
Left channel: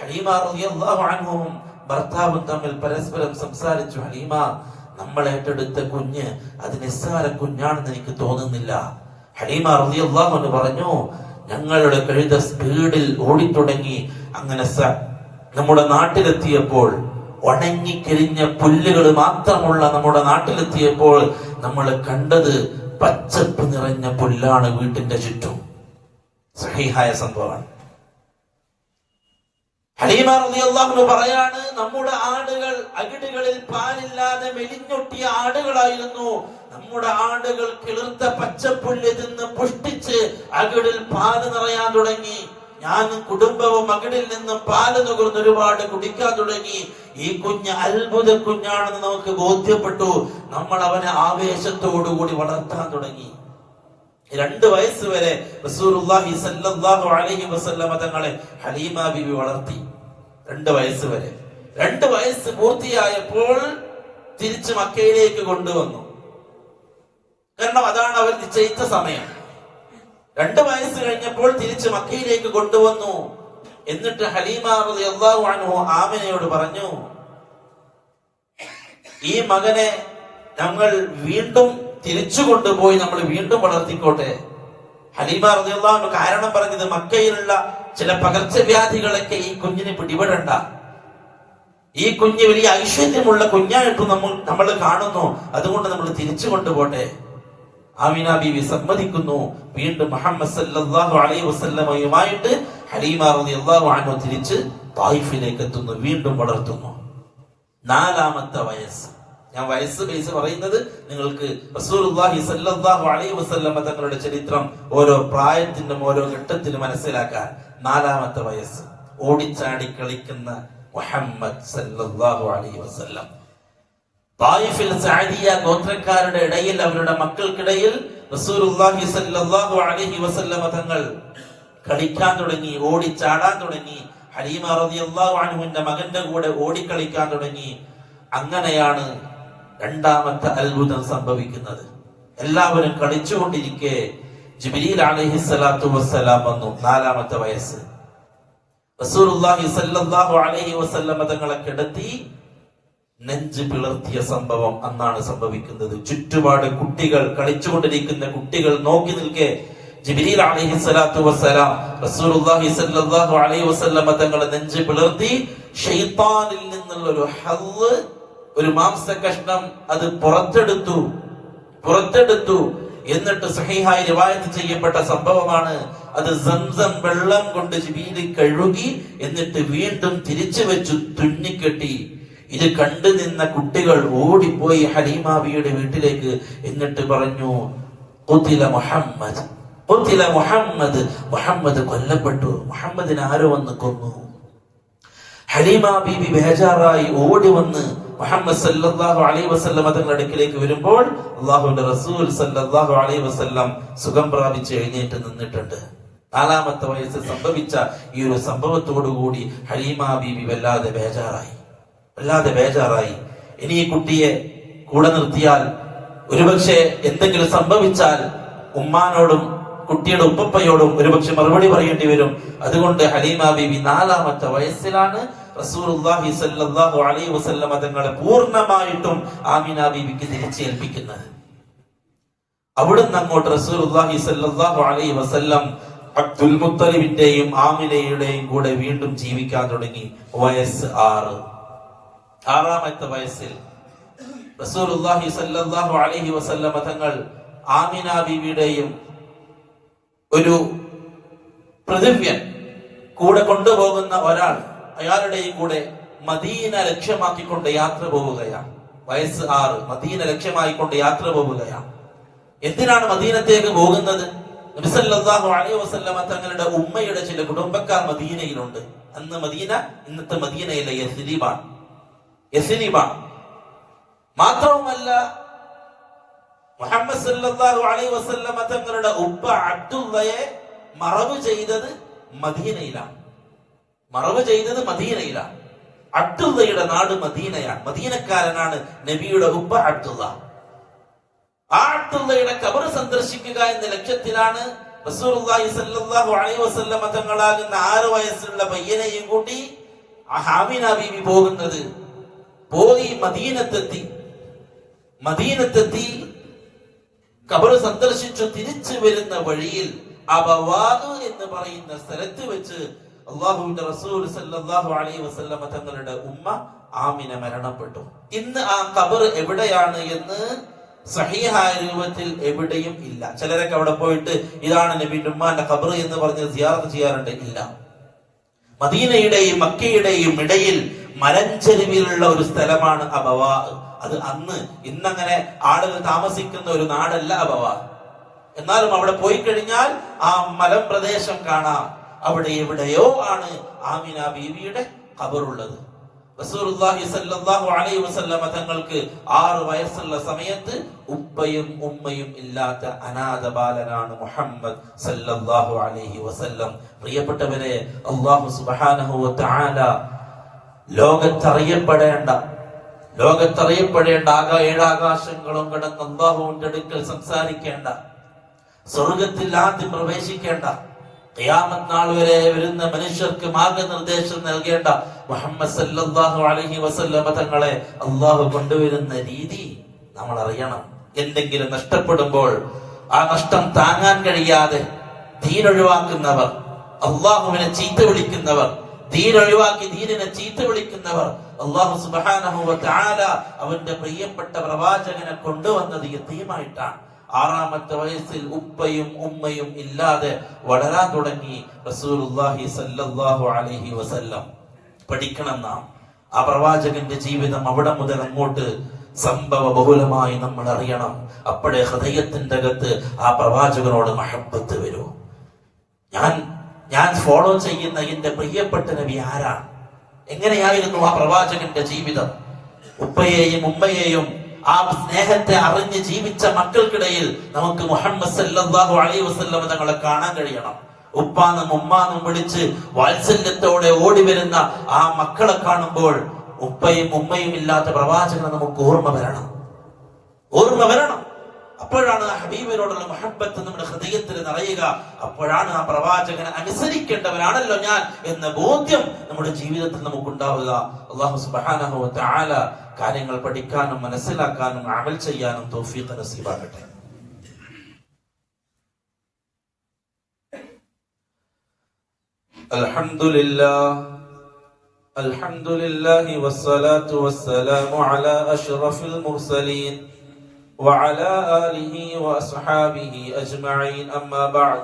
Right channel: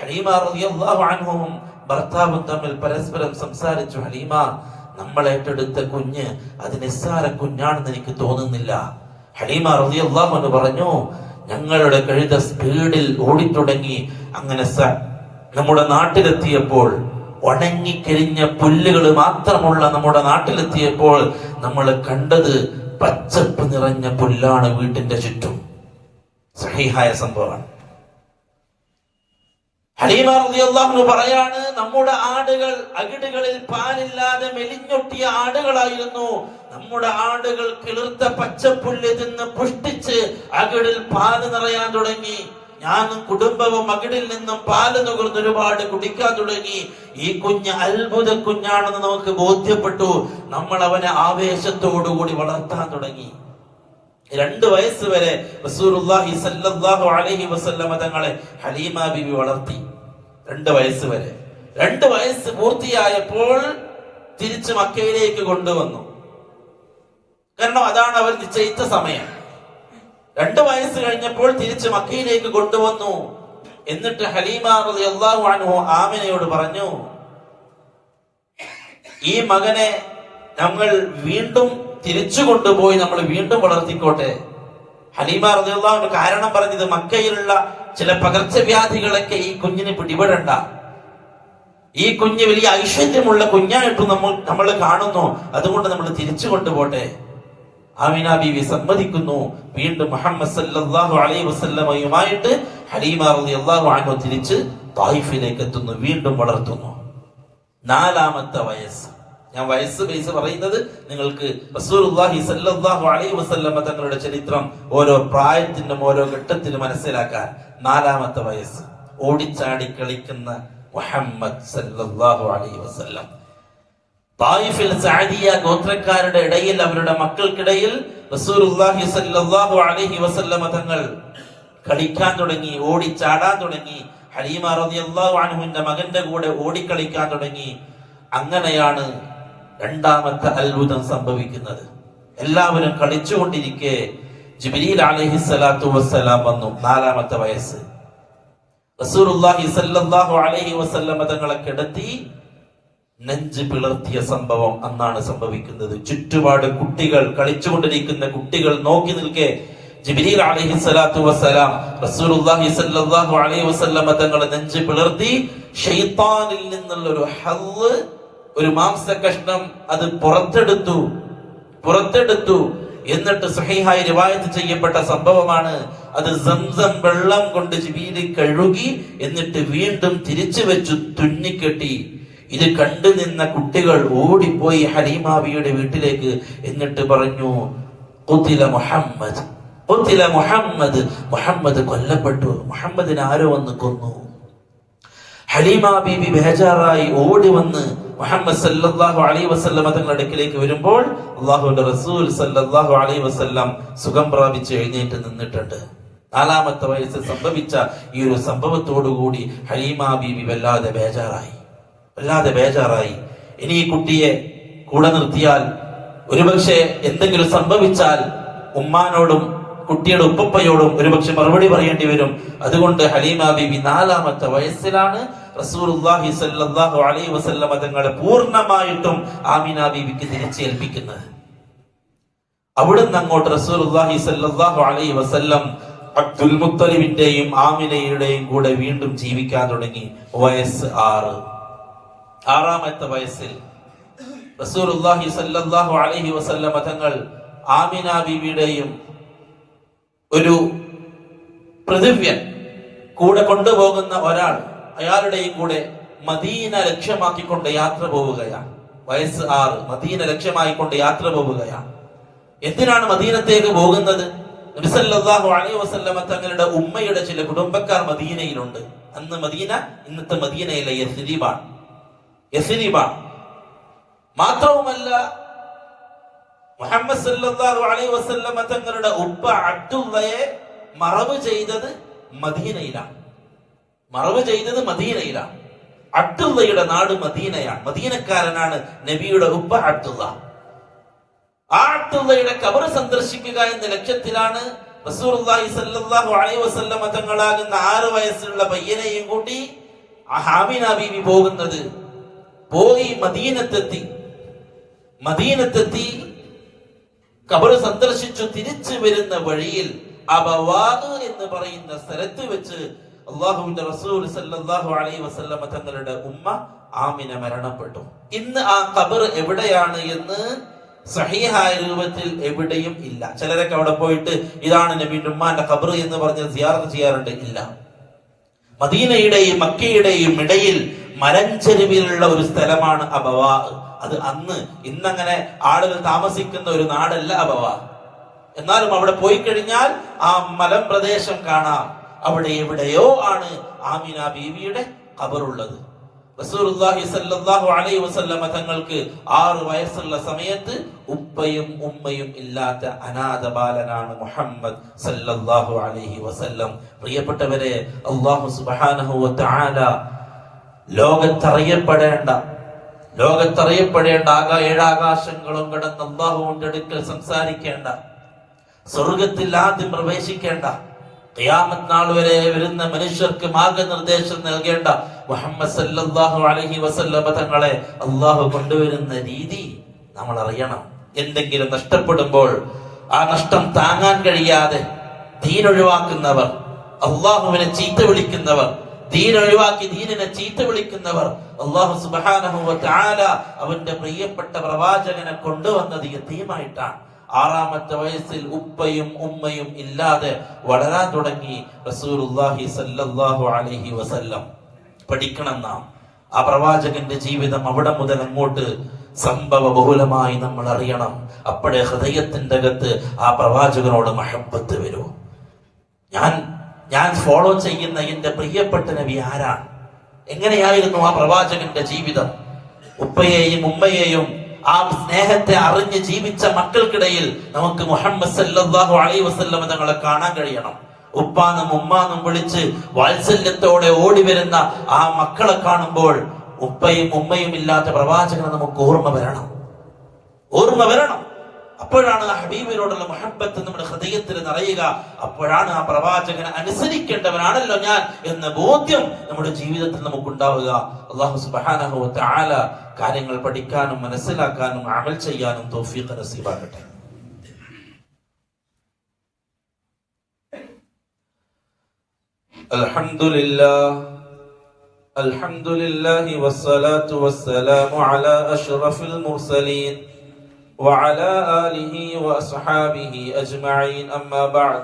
ഹലീമ റളിയല്ലാഹു അൻഹുവും ഭർത്താവും തമ്മിൽ പരസ്പരം സംസാരിച്ചു. ഹലീമ, നമ്മൾ ഏറ്റെടുത്ത കുഞ്ഞ് അത് നിസ്സാര കുഞ്ഞാണെന്ന് എനിക്ക് തോന്നുന്നില്ല. ഹലീമ റളിയല്ലാഹു അൻഹ പറഞ്ഞു, ഞങ്ങളുടെ കഴുത സ്പീഡിൽ ഓടിത്തുടങ്ങി. അങ്ങനെ നമ്മുടെ നാട്ടിലെത്തിയപ്പോൾ, ഉണങ്ങിക്കരിഞ്ഞ പുല്ലുകൾ മാത്രമുള്ള നമ്മുടെ നാട്ടിലെത്തിയപ്പോൾ നമ്മൾ കണ്ടത് പച്ചപ്പ് നിറഞ്ഞ പുല്ലാണ് വീട്ടിന്റെ ചുറ്റും. സഹീഹായ സംഭവമാണ്. ഹലീമ റളിയല്ലാഹു അൻഹ പറയാണ്, നമ്മുടെ ആടുകൾ അകിടുകളിൽ പാലില്ലാതെ മെലിഞ്ഞൊട്ടിയ ആടുകളായിരുന്നു. നമ്മുടെ ആടുകൾ കിളിർത്ത പച്ചപ്പുല്ല് തിന്ന് പുഷ്ടിച്ച് അകിടിൽ പാല് നിറയാൻ തുടങ്ങി. ഞാനും കുടുംബവും അകിടിൽ നിന്നും പാല് നുകർന്ന് ഒരുപാട് കുടിക്കാൻ തുടങ്ങി. ഈ കുഞ്ഞ് അത്ഭുത കുഞ്ഞാണെന്ന് നമുക്ക് ബോധ്യപ്പെട്ടു. നമ്മൾ അവനെ ആവേശത്തോടുകൂടി വളർത്താൻ തുടങ്ങി. 2 വയസ്സ് വരെ റസൂലുള്ളാഹി സ്വല്ലല്ലാഹു അലൈഹി വസല്ലം തങ്ങളെ ഹലീമ ബീവി വളർത്തി. 2 വയസ്സ് വരെ. 2 വയസ്സ് പൂർത്തിയായപ്പോൾ തിരിച്ച് മക്കയിലേക്ക് കൊണ്ടുവന്നു. കാരണം അതാണ് അവർ നിശ്ചയിച്ച സമയം. 2 വയസ്സ് കഴിഞ്ഞപ്പോൾ തിരിച്ച് മക്കയിലേക്ക് കൊണ്ടുവന്നു. എന്നിട്ട് ഹലീമ റളിയല്ലാഹു അൻഹു ആമിനയോട് പറഞ്ഞു, ഈ മകനെ ഞങ്ങൾ വീണ്ടും തിരിച്ചു കൊണ്ടുപോയി നമ്മൾ വീണ്ടും വളർത്തിക്കോട്ടെ. ഹലീമ റളിയല്ലാഹു അൻഹ കാരണം പറഞ്ഞത്, മക്കയിലുള്ള ചില പകർച്ചവ്യാധികളൊക്കെ ഈ കുഞ്ഞിന് പിടിപെടണ്ട, ഈ കുഞ്ഞ് വലിയ ഐശ്വര്യമുള്ള കുഞ്ഞായിട്ടും നമ്മൾ കാണുന്നു, അതുകൊണ്ട് നമ്മൾ തിരിച്ചു കൊണ്ടുപോട്ടെ. ആമിന ബീവി സമ്മതിക്കുന്നു. വീണ്ടും മുഹമ്മദ് സല്ലല്ലാഹു അലൈഹി വസല്ലമയുമായിട്ട് ഹലീമ റളിയല്ലാഹു അൻഹ തിരിച്ച് തായിഫിലേക്ക് എത്തുന്നു, വീണ്ടും വളർത്തുന്നു. 4-ാമത്തെ വയസ്സ്, ഞാൻ വയസ്സ് ബേസ് പറയുന്നത് നിങ്ങൾക്ക് റസൂലുള്ളാഹി സ്വല്ലല്ലാഹു അലൈഹി വസല്ലം തങ്ങളുടെ ചരിത്രം ഓരോ പ്രായത്തിനും ഓരോ ഘട്ടത്തിലും മനസ്സിലാക്കാൻ. 4-ാമത്തെ വയസ്സ്, ഓടിച്ചാടി കളിക്കുന്ന മുഹമ്മദ് സല്ലല്ലാഹു അലൈഹി വസല്ലം. തായിഫിൽ സഅദിയ ഗോത്രക്കാരുടെ ഇടയിൽ, അവരുടെ മക്കൾക്കിടയിൽ റസൂലുള്ളാഹി സ്വല്ലല്ലാഹു അലൈഹി വസല്ലം തങ്ങൾ കളിക്കാൻ തുടങ്ങി, ഓടിച്ചാടാൻ തുടങ്ങി. ഹലീമ റളിയല്ലാഹു അൻഹുവിന്റെ മകന്റെ കൂടെ ഓടിക്കളിക്കാൻ തുടങ്ങി. അങ്ങനെയാണ് 2-ാമത്തെ അത്ഭുതം സംഭവിക്കുന്നത്. എല്ലാവരും കളിച്ചുകൊണ്ടിരിക്കെ ജിബ്രീൽ അലൈഹിസ്സലാത്തു വസ്സലാം വന്നു. 4-ാമത്തെ വയസ്സ്. റസൂലുള്ളാഹി സ്വല്ലല്ലാഹു അലൈഹി വസല്ലം തങ്ങളെ കിടത്തി നെഞ്ച് പിളർത്തിയ സംഭവം അന്നാണ് സംഭവിക്കുന്നത്. ചുറ്റുപാട് കുട്ടികൾ, കളിച്ചുകൊണ്ടിരിക്കുന്ന കുട്ടികൾ നോക്കി നിൽക്കെ ജിബ്രീൽ അലൈഹിസ്സലാത്തു വസ്സലാം റസൂലുള്ളാഹി സ്വല്ലല്ലാഹു അലൈഹി വസല്ലം തങ്ങളെ നെഞ്ച് പിളർത്തി ശൈത്താനിൽ നിന്നുള്ള ഒരു ഹല്ല്, ഒരു മാംസ കഷ്ണം അത് പുറത്തെടുത്തു. എന്നിട്ട് സ്വഹീഹായി റിവായത്ത് ചെയ്യപ്പെട്ട സംഭവമാണ്. അത് സംസം വെള്ളം കൊണ്ട് ജിബ്രീൽ കഴുകി, എന്നിട്ട് വീണ്ടും തിരിച്ചു വെച്ചു തുന്നിക്കെട്ടി. ഇത് കണ്ടു നിന്ന കുട്ടികൾ ഓടിപ്പോയി ഹലീമാബിയുടെ വീട്ടിലേക്ക്. എന്നിട്ട് പറഞ്ഞു, ഖുതില മുഹമ്മദ്, ഖുതില മുഹമ്മദ്, മുഹമ്മദ് കൊല്ലപ്പെട്ടു, മുഹമ്മദിനെ ആരോ വന്ന് കൊന്നു. ഹലീമ ബീബി ബേജാറായി ഓടി വന്ന് മുഹമ്മദ് സല്ലല്ലാഹു അലൈഹി വസല്ലം തങ്ങളുടെ അടുക്കിലേക്ക് വരുമ്പോൾ അല്ലാഹുവിന്റെ റസൂൽ സല്ലല്ലാഹു അലൈഹി വസല്ലം സുഖം പ്രാപിച്ച് എഴുന്നേറ്റ് നിന്നിട്ടുണ്ട്. 4-ാമത്തെ വയസ്സിൽ സംഭവിച്ച ഈ ഒരു സംഭവത്തോടുകൂടി ഹലീമ ബീബി വല്ലാതെ ബേജാറായി. ഇനി ഈ കുട്ടിയെ കൂടെ നിർത്തിയാൽ ഒരുപക്ഷെ എന്തെങ്കിലും സംഭവിച്ചാൽ ഉമ്മാനോടും കുട്ടിയുടെ ഉപ്പയോടും ഒരുപക്ഷെ മറുപടി പറയേണ്ടി വരും. അതുകൊണ്ട് ഹലീമ ബീബി 4-ാമത്തെ വയസ്സിലാണ് റസൂലുള്ളാഹി സ്വല്ലല്ലാഹു അലൈഹി വസല്ലം തങ്ങളെ പൂർണ്ണമായിട്ടും ആമിന ബീബിക്ക് തിരിച്ചേൽപ്പിക്കുന്നത്. അവിടുന്ന് അങ്ങോട്ട് റസൂലുള്ളാഹി സ്വല്ലല്ലാഹു അലൈഹി വസല്ലം അബ്ദുൽ മുത്തലിബിന്റെയും ആമിനയുടെയും കൂടെ വീണ്ടും ജീവിക്കാൻ തുടങ്ങി. വയസ്സ് 6. 6-ാമത്തെ വയസ്സിൽ റസൂലുള്ളാഹി സ്വല്ലല്ലാഹു അലൈഹി വസല്ലം തങ്ങൾ ആമിന ബീബിയുടെയും ഒരു പ്രതിവ്യൻ കൂടെ കൊണ്ടുപോകുന്ന ഒരാൾ, അയാളുടെയും കൂടെ മദീന ലക്ഷ്യമാക്കിക്കൊണ്ട് യാത്ര പോവുകയാണ്. വയസ്സ് 6, മദീന ലക്ഷ്യമാക്കിക്കൊണ്ട് യാത്ര പോവുകയാണ്. എന്തിനാണ് മദീനത്തേക്ക് പോകുന്നത്? നബി സല്ലല്ലാഹു അലൈഹി വസല്ലം തങ്ങളുടെ ഉമ്മയുടെ ചില കുടുംബക്കാർ മദീനയിലുണ്ട്. അന്ന് മദീന ഇന്നത്തെ മദീനയിലെ യസ്രിബാണ്. മാത്രവുമല്ല, മുഹമ്മദ് സല്ലല്ലാഹു അലൈഹി വസല്ലം തങ്ങളുടെ ഉപ്പ അബ്ദുള്ളയെ മറവ് ചെയ്തത് മദീനയിലാണ്. അബ്ദുള്ളയുടെ നാട് മദീനയാണ്. മദീനക്കാരനാണ് നബിയുടെ ഉപ്പ അബ്ദുള്ള. ആ അബ്ദുള്ളയുടെ ഖബർ സന്ദർശിക്കുക എന്ന ലക്ഷ്യത്തിലാണ് റസൂലുള്ളാഹി സ്വല്ലല്ലാഹു അലൈഹി വസല്ലം തങ്ങളാകുന്ന 6 വയസ്സുള്ള പയ്യനെയും കൂട്ടി ആമിന ബീവി പോകുന്നത്. പോയി മദീനത്തെത്തി ഖബർ സന്ദർശിച്ചു തിരിച്ചു വരുന്ന വഴിയിൽ അബവാദ് എന്ന് പറയുന്ന സ്ഥലത്ത് വെച്ച് അല്ലാഹുവിന്റെ റസൂൽ സല്ലല്ലാഹു അലൈഹി വസല്ലം തങ്ങളുടെ ഉമ്മ ആമിന മരണപ്പെട്ടു. ഇന്ന് ആ ഖബർ എവിടെയാണ് എന്ന് സഹീഹായ രൂപത്തിൽ എവിടെയും ഇല്ല. ചിലരൊക്കെ അവിടെ പോയിട്ട് ഇതാണ് നബിയുടെ ഉമ്മാന്റെ ഖബർ എന്ന് പറഞ്ഞ് സിയാറത്ത് ചെയ്യാറുണ്ട്. ഇല്ല. മദീനയുടെയും മക്കയുടെയും ഇടയിൽ മലഞ്ചെരുവിലുള്ള ഒരു സ്ഥലമാണ് അബവാ. അത് ഇന്നങ്ങനെ ആളുകൾ താമസിക്കുന്ന ഒരു നാടല്ല അബവാ. എന്നാലും അവിടെ പോയി കഴിഞ്ഞാൽ ആ മലമ്പ്രദേശം കാണാം. അവിടെ എവിടെയോ ആണ് ആമിന ബീവിയുടെ ഖബറുള്ളത്. റസൂലുള്ളാഹി സ്വല്ലല്ലാഹു അലൈഹി വസല്ലം തങ്ങൾക്ക് 6 വയസ്സുള്ള സമയത്ത് ഉപ്പയും ഉമ്മയും ഇല്ലാത്ത അനാഥ ബാലനാണ് മുഹമ്മദ് സല്ലല്ലാഹു അലൈഹി വസല്ലം. പ്രിയപ്പെട്ടവരെ, അല്ലാഹു സുബ്ഹാനഹു വ തആല ലോകത്തറിയപ്പെടേണ്ട 7 ആകാശങ്ങളും കടന്ന് അല്ലാഹുവിന്റെ അടുക്കൽ സംസാരിക്കേണ്ട, സ്വർഗത്തിൽ ആദ്യം പ്രവേശിക്കേണ്ട, ഖിയാമത്ത് നാൾ വരെ വരുന്ന മനുഷ്യർക്ക് മാർഗനിർദ്ദേശം നൽകേണ്ട മുഹമ്മദ് സല്ലല്ലാഹു അലൈഹി വസല്ലം തങ്ങളെ അല്ലാഹു കൊണ്ടുവരുന്ന രീതി നമ്മൾ അറിയണം. എന്തെങ്കിലും നഷ്ടപ്പെടുമ്പോൾ ആ നഷ്ടം താങ്ങാൻ കഴിയാതെ ദീൻ ഒഴിവാക്കുന്നവർ, അല്ലാഹുവിനെ ചീത്ത വിളിക്കുന്നവർ, ദീൻ ഒഴിവാക്കി ദീനിനെ ചീത്ത വിളിക്കുന്നവർ, അല്ലാഹു സുബ്ഹാനഹു വ തആല അവന്റെ പ്രിയപ്പെട്ട പ്രവാചകനെ കൊണ്ടുവന്നത് യതീമായിട്ടാണ്. 6-ാമത്തെ വയസ്സിൽ ഉപ്പയും ഉമ്മയും ഇല്ലാതെ വളരാൻ തുടങ്ങി റസൂലുള്ളാഹി സ്വല്ലല്ലാഹു അലൈഹി വസല്ലം. പഠിക്കണം നാം ആ പ്രവാചകന്റെ ജീവിതം. അവിടെ മുതൽ അങ്ങോട്ട് സംഭവ ബഹുലമായി നമ്മൾ അറിയണം. അപ്പോഴേ ഹൃദയത്തിന്റെ അകത്ത് ആ പ്രവാചകനോട് മഹബ്ബത്ത് വരൂ. ഞാൻ ഫോളോ ചെയ്യുന്ന എന്റെ പ്രിയപ്പെട്ട നബി ആരാണ്? എങ്ങനെയായിരുന്നു ആ പ്രവാചകന്റെ ജീവിതം? ഉപ്പയെയും ഉമ്മയെയും ആ സ്നേഹത്തെ അറിഞ്ഞ് ജീവിച്ച മക്കൾക്കിടയിൽ നമുക്ക് മുഹമ്മദ് സല്ലല്ലാഹു അലൈഹി വസല്ലം തങ്ങളെ കാണാൻ കഴിയണം. ഉപ്പാന്നും ഉമ്മാന്നും വിളിച്ച് വാത്സല്യത്തോടെ ഓടി വരുന്ന ആ മക്കളെ കാണുമ്പോൾ ഉപ്പയും ഉമ്മയും ഇല്ലാത്ത പ്രവാചകനെ നമുക്ക് ഓർമ്മ വരണം. അപ്പോഴാണ് ആ ഹബീബിനോടുള്ള മുഹബ്ബത്ത് നമ്മുടെ ഹൃദയത്തിൽ നിറയുക. അപ്പോഴാണ് ആ പ്രവാചകനെ അനുസരിക്കേണ്ടവനാണല്ലോ ഞാൻ എന്ന ബോധ്യം നമ്മുടെ ജീവിതത്തിൽ നമുക്കുണ്ടാവുക. അല്ലാഹു സുബ്ഹാനഹു വ തആല കാര്യങ്ങൾ പഠിക്കാനും മനസ്സിലാക്കാനും അമൽ ചെയ്യാനും തൗഫീഖ് നസീബാക്കട്ടെ. അൽഹംദുലില്ലാഹി വസ്സലാത്തു വസ്സലാമു അലാ അഷ്റഫിൽ മുർസലീൻ وعلى آله وأصحابه أجمعين أما بعد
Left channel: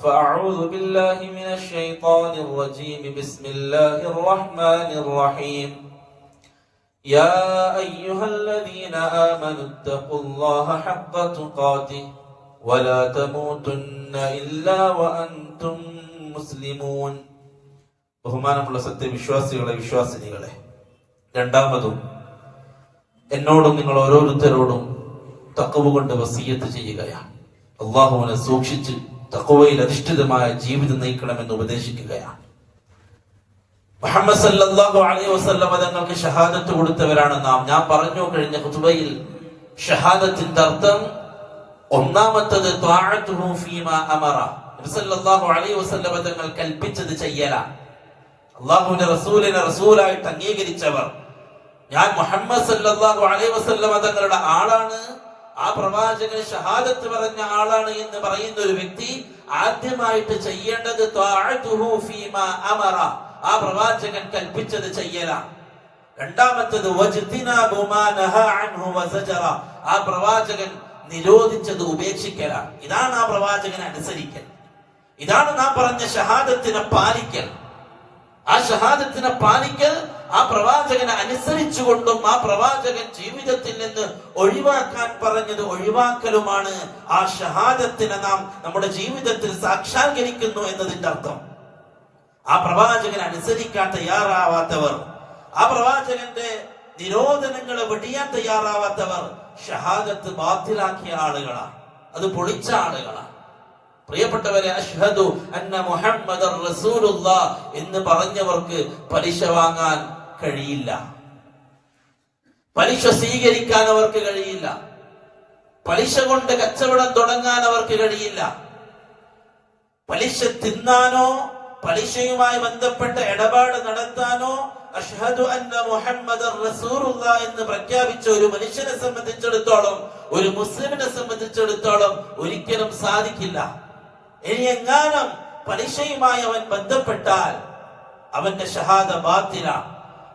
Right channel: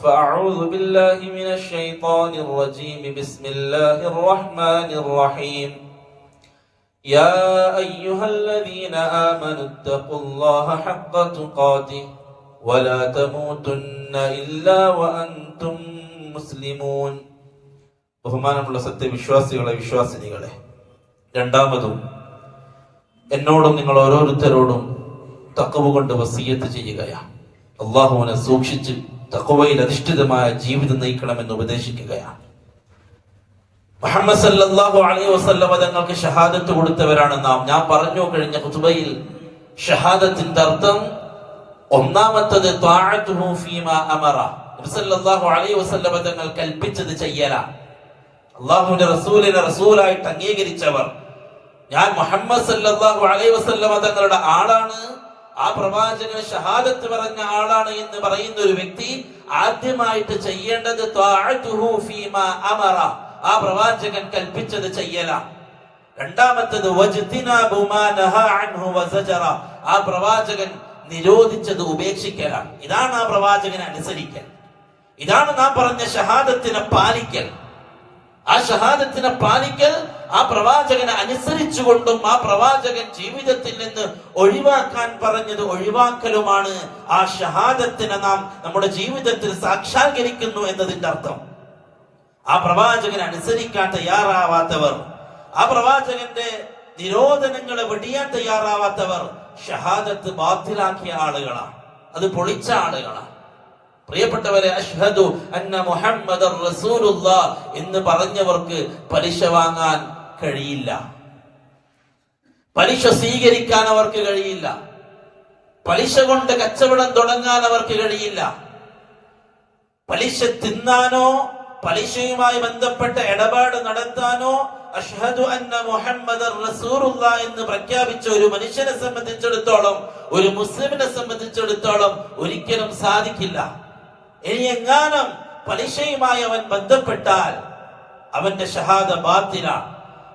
فأعوذ بالله من الشيطان الرجيم بسم الله الرحمن الرحيم യാ അയ്യുഹല്ലദീന ആമനു തഖുല്ലാഹ ഹഖ്ക തുഖാതിഹി വലാ തമൂതുന്ന ഇല്ലാ വഅൻതും മുസ്ലിമൂൻ. ബഹുമാനമുള്ള സത്യവിശ്വാസികളെ, വിശ്വാസിനികളെ, രണ്ടാമതും എന്നോടും നിങ്ങൾ ഓരോരുത്തരോടും തഖ്വ കൊണ്ട് വസിയത്ത് ചെയ്യുകയാണ്. അല്ലാഹുവിനെ സൂക്ഷിച്ച് തഖ്വയിൽ അധിഷ്ഠിതമായ ജീവിതം നയിക്കണമെന്ന് ഉപദേശിക്കുകയാണ്. മുഹമ്മദ് സല്ലല്ലാഹു അലൈഹി വസല്ലം തങ്ങൾക്ക് ഷഹാദത്ത് കൊടുത്തവരാണ് നാം. ഞാൻ പറഞ്ഞു കഴിഞ്ഞ ഖുതുബയിൽ ഷഹാദത്തിന്റെ അർത്ഥം ഒന്നാമത്തത് ത്വാഅതുഹു ഫീമാ അമറ. നബി സല്ലല്ലാഹു അലൈഹി വസല്ലം തങ്ങൾ കൽപ്പിച്ചത് ചെയ്യലാണ്. അല്ലാഹുവിന്റെ റസൂലിനെ റസൂലായിട്ട് അംഗീകരിച്ചവർ, ഞാൻ മുഹമ്മദ് സല്ലല്ലാഹു അലൈഹി വസല്ലം തങ്ങളുടെ ആളാണ്, ആ പ്രവാചകൻ ഷഹാദത്ത് പറഞ്ഞ ആളാണ് എന്ന് പറയുന്ന ഒരു വ്യക്തി ആദ്യമായിട്ട് ചെയ്യേണ്ടത് ത്വാഅതുഹു ഫീമാ അമറ, ആ പ്രവാചകൻ കൽപ്പിച്ചത് ചെയ്യലാണ്. രണ്ടാമത്തേത് വജ്തിനാബു മാ നഹാ അൻഹു വസജറ, ആ പ്രവാചകൻ നിരോധിച്ചത് ഉപേക്ഷിക്കലാണ്. ഇതാണ് ആ പ്രവാചകനെ അനുസരിക്കൽ. ഇതാണ് നാം പറഞ്ഞ ഷഹാദത്തിനെ പാലിക്കൽ. ആ ഷഹാദത്തിനെ പാലിക്കൽ ആ പ്രവാചകനെ അനുസരിച്ചുകൊണ്ടും ആ പ്രവാചകൻ ജീവിതത്തിൽ നിന്ന് ഒഴിവാക്കാൻ പറഞ്ഞത് ഒഴിവാക്കലുമാണ്. ആ ഷഹാദത്തിനെ നാം നമ്മുടെ ജീവിതത്തിൽ സാക്ഷാത്കരിക്കുന്നു എന്നതിന്റെ അർത്ഥം. ആ പ്രവാചകനെ അനുസരിക്കാൻ തയ്യാറാവാത്തവർ, ആ പ്രവാചകന്റെ നിരോധനങ്ങളെ വെടിയാൻ തയ്യാറാവാത്തവർ ഷഹാദത്ത് ബാത്തിലാക്കിയ ആളുകളാണ്, അത് പൊളിച്ച ആളുകളാണ്. പ്രിയപ്പെട്ടവരെ, അഷ്ഹദു അന്ന മുഹമ്മദർ റസൂലുള്ളാഹ് എന്ന് പറഞ്ഞവർക്ക് പലിശ വാങ്ങാൻ കഴിയില്ല, പലിശ സ്വീകരിക്കാൻ അവർക്ക് കഴിയില്ല, പലിശ കൊണ്ട് കച്ചവടം തുടങ്ങാൻ അവർക്ക് കഴിയില്ല, പലിശ തിന്നാനോ പലിശയുമായി ബന്ധപ്പെട്ട ഇടപാട് നടത്താനോ അഷ്ഹദു അന്ന മുഹമ്മദർ റസൂലുള്ളാഹ് എന്ന് പ്രഖ്യാപിച്ച ഒരു മനുഷ്യനെ സംബന്ധിച്ചിടത്തോളം, ഒരു മുസ്ലിമിനെ സംബന്ധിച്ചിടത്തോളം ഒരിക്കലും സാധിക്കില്ല. ഇനി എങ്ങാനും പലിശയുമായി അവൻ ബന്ധപ്പെട്ടാൽ അവന്റെ ഷഹാദ ബാത്തിലാണ്.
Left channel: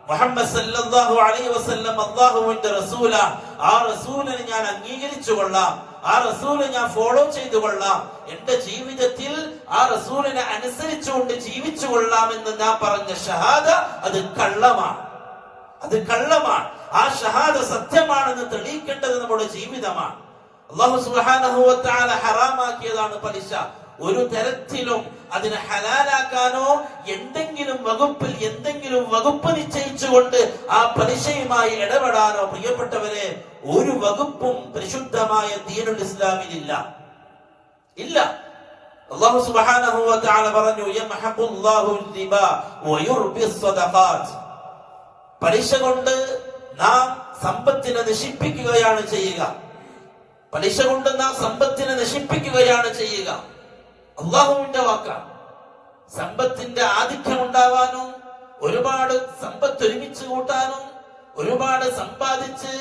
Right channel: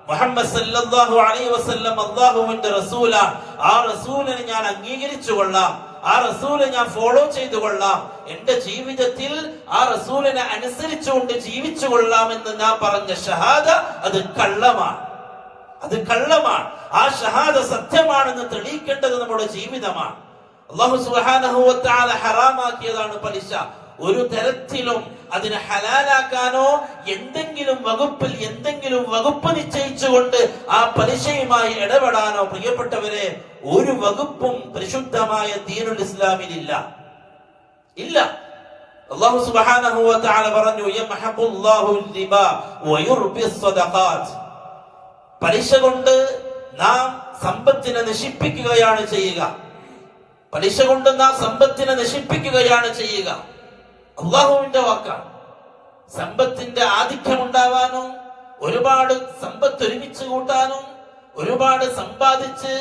മുഹമ്മദ് സല്ലല്ലാഹു അലൈഹി വസല്ലം അല്ലാഹുവിന്റെ റസൂലാണ്, ആ റസൂലിനെ ഞാൻ അംഗീകരിച്ചു കൊള്ളാം, ആ റസൂലിനെ ഞാൻ ഫോളോ ചെയ്തു കൊള്ളാം, എന്റെ ജീവിതത്തിൽ ആ റസൂലിനെ അനുസരിച്ചുകൊണ്ട് ജീവിച്ചു കൊള്ളാം എന്ന് ഞാൻ പറഞ്ഞ ഷഹാദ അത് കള്ളമാണ്, അത് കള്ളമാണ്. ആ ഷഹാദ സത്യമാണെന്ന് തെളിയിക്കേണ്ടത് നമ്മുടെ ജീവിതമാണ്. അല്ലാഹു സുബ്ഹാനഹു വ തആല ഹറാമാക്കിയതാണ് പലിശ. ഒരു തരത്തിലും അതിനെ ഹലാലാക്കാനോ എന്തെങ്കിലും വകുപ്പ് നിശ്ചയിച്ചുകൊണ്ട് ആ പലിശയുമായി ഇടപെടാനോ പ്രിയപ്പെട്ടവരെ ഒരു വകുപ്പും പരിശുദ്ധമായ ദീനുൽ ഇസ്ലാമിലില്ല, ഇല്ല. അല്ലാഹു സുബ്ഹാനഹു വ തആല പറഞ്ഞു, യംഹഖുല്ലാഹു റിബാ വയുർബിസ് സദഖാത്ത്. പലിശ കൊണ്ട് നാം സമ്പത്തിനെ നശിപ്പിക്കുകയാണ് ചെയ്യുക, പലിശ കൊണ്ട് നാം സമ്പത്തിനെ നശിപ്പിക്കുകയാണ് ചെയ്യുക. അള്ളാഹുവിന്റെ വാക്കാണ്. സമ്പത്തിന്റെ ആധിക്യം ഉണ്ടാവാനും ഒരുപാട് സമ്പത്ത് ഒരുമിച്ച് കൂട്ടാനും ഒരുപാട് സമ്പാദിച്ച്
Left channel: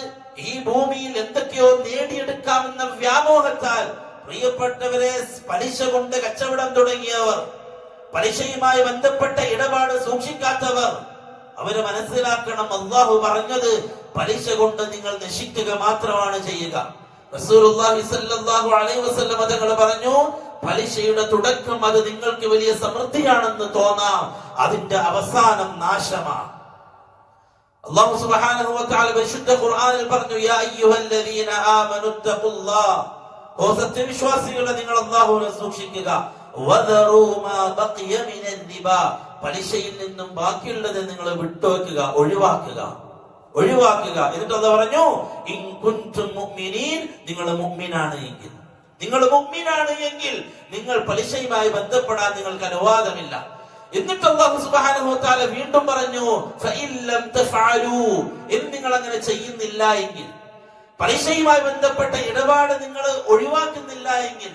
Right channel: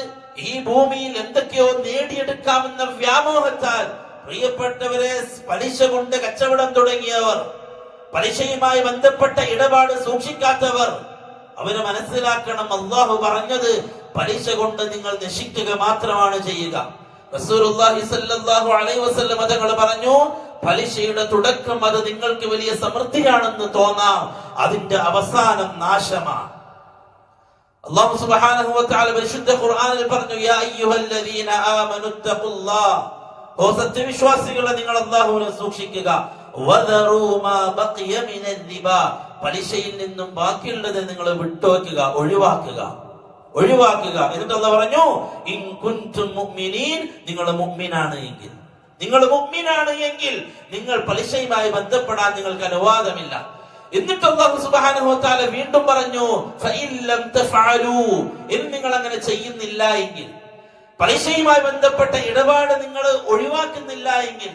ഈ ഭൂമിയിൽ എന്തൊക്കെയോ നേടിയെടുക്കാമെന്ന വ്യാമോഹത്താൽ പ്രിയപ്പെട്ടവരെ പലിശ കൊണ്ട് കച്ചവടം തുടങ്ങിയവർ, പലിശയുമായി ബന്ധപ്പെട്ട ഇടപാട് സൂക്ഷിക്കാത്തവർ, അവര് മനസ്സിലാക്കണം, അള്ളാഹു പറഞ്ഞത് പലിശ കൊണ്ട് നിങ്ങൾ നശിക്കുക മാത്രമാണ് ചെയ്യുക. റസൂലുള്ളാഹി സ്വല്ലല്ലാഹു അലൈഹി വസല്ലം തങ്ങൾ പറഞ്ഞു, പലിശയുടെ തുടക്കം അത് നിങ്ങൾക്ക് വലിയ സമൃദ്ധിയാണെന്ന് തോന്നാം, അതിന്റെ അവസാനം നാശമാണ്. അല്ലാഹു സുബ്ഹാനഹു വ തആല പരിശുദ്ധ ഖുർആനിൽ പറഞ്ഞു, യാ അയ്യുഹല്ലദീന ആമനു തഖുല്ലാഹ്, ഓ സത്യവിശ്വാസികളെ നിങ്ങൾ അല്ലാഹുവിനെ സൂക്ഷിക്കുക. വദറൂ മാ ബഖിയ മിനൽ റിബാ, പലിശയിൽ നിന്നും ബാക്കിയുള്ളത് നിങ്ങൾ വിട്ടുവെക്കുക, ഒഴിവാക്കുക. എന്നിട്ട് അല്ലാഹു പറഞ്ഞു, ഇൻ കുൻതും മുഅ്മിനീൻ, നിങ്ങൾ മുഅ്മിനാണ് എങ്കിൽ, നിങ്ങൾ പലിശയുമായി ബന്ധപ്പെടാൻ നിങ്ങൾക്ക് അനുവാദമില്ല. എന്നിട്ട് അല്ലാഹു സുബ്ഹാനഹു വ തആല വീണ്ടും പറഞ്ഞു, ഫഇൻ ലം തഫഅലൂ, നിങ്ങൾ അങ്ങനെ ചെയ്യുന്നില്ല എങ്കിൽ, പലിശയുമായി ബന്ധപ്പെട്ട ഇടപാട് നിങ്ങൾ ഒഴിവാക്കുന്നില്ല എങ്കിൽ,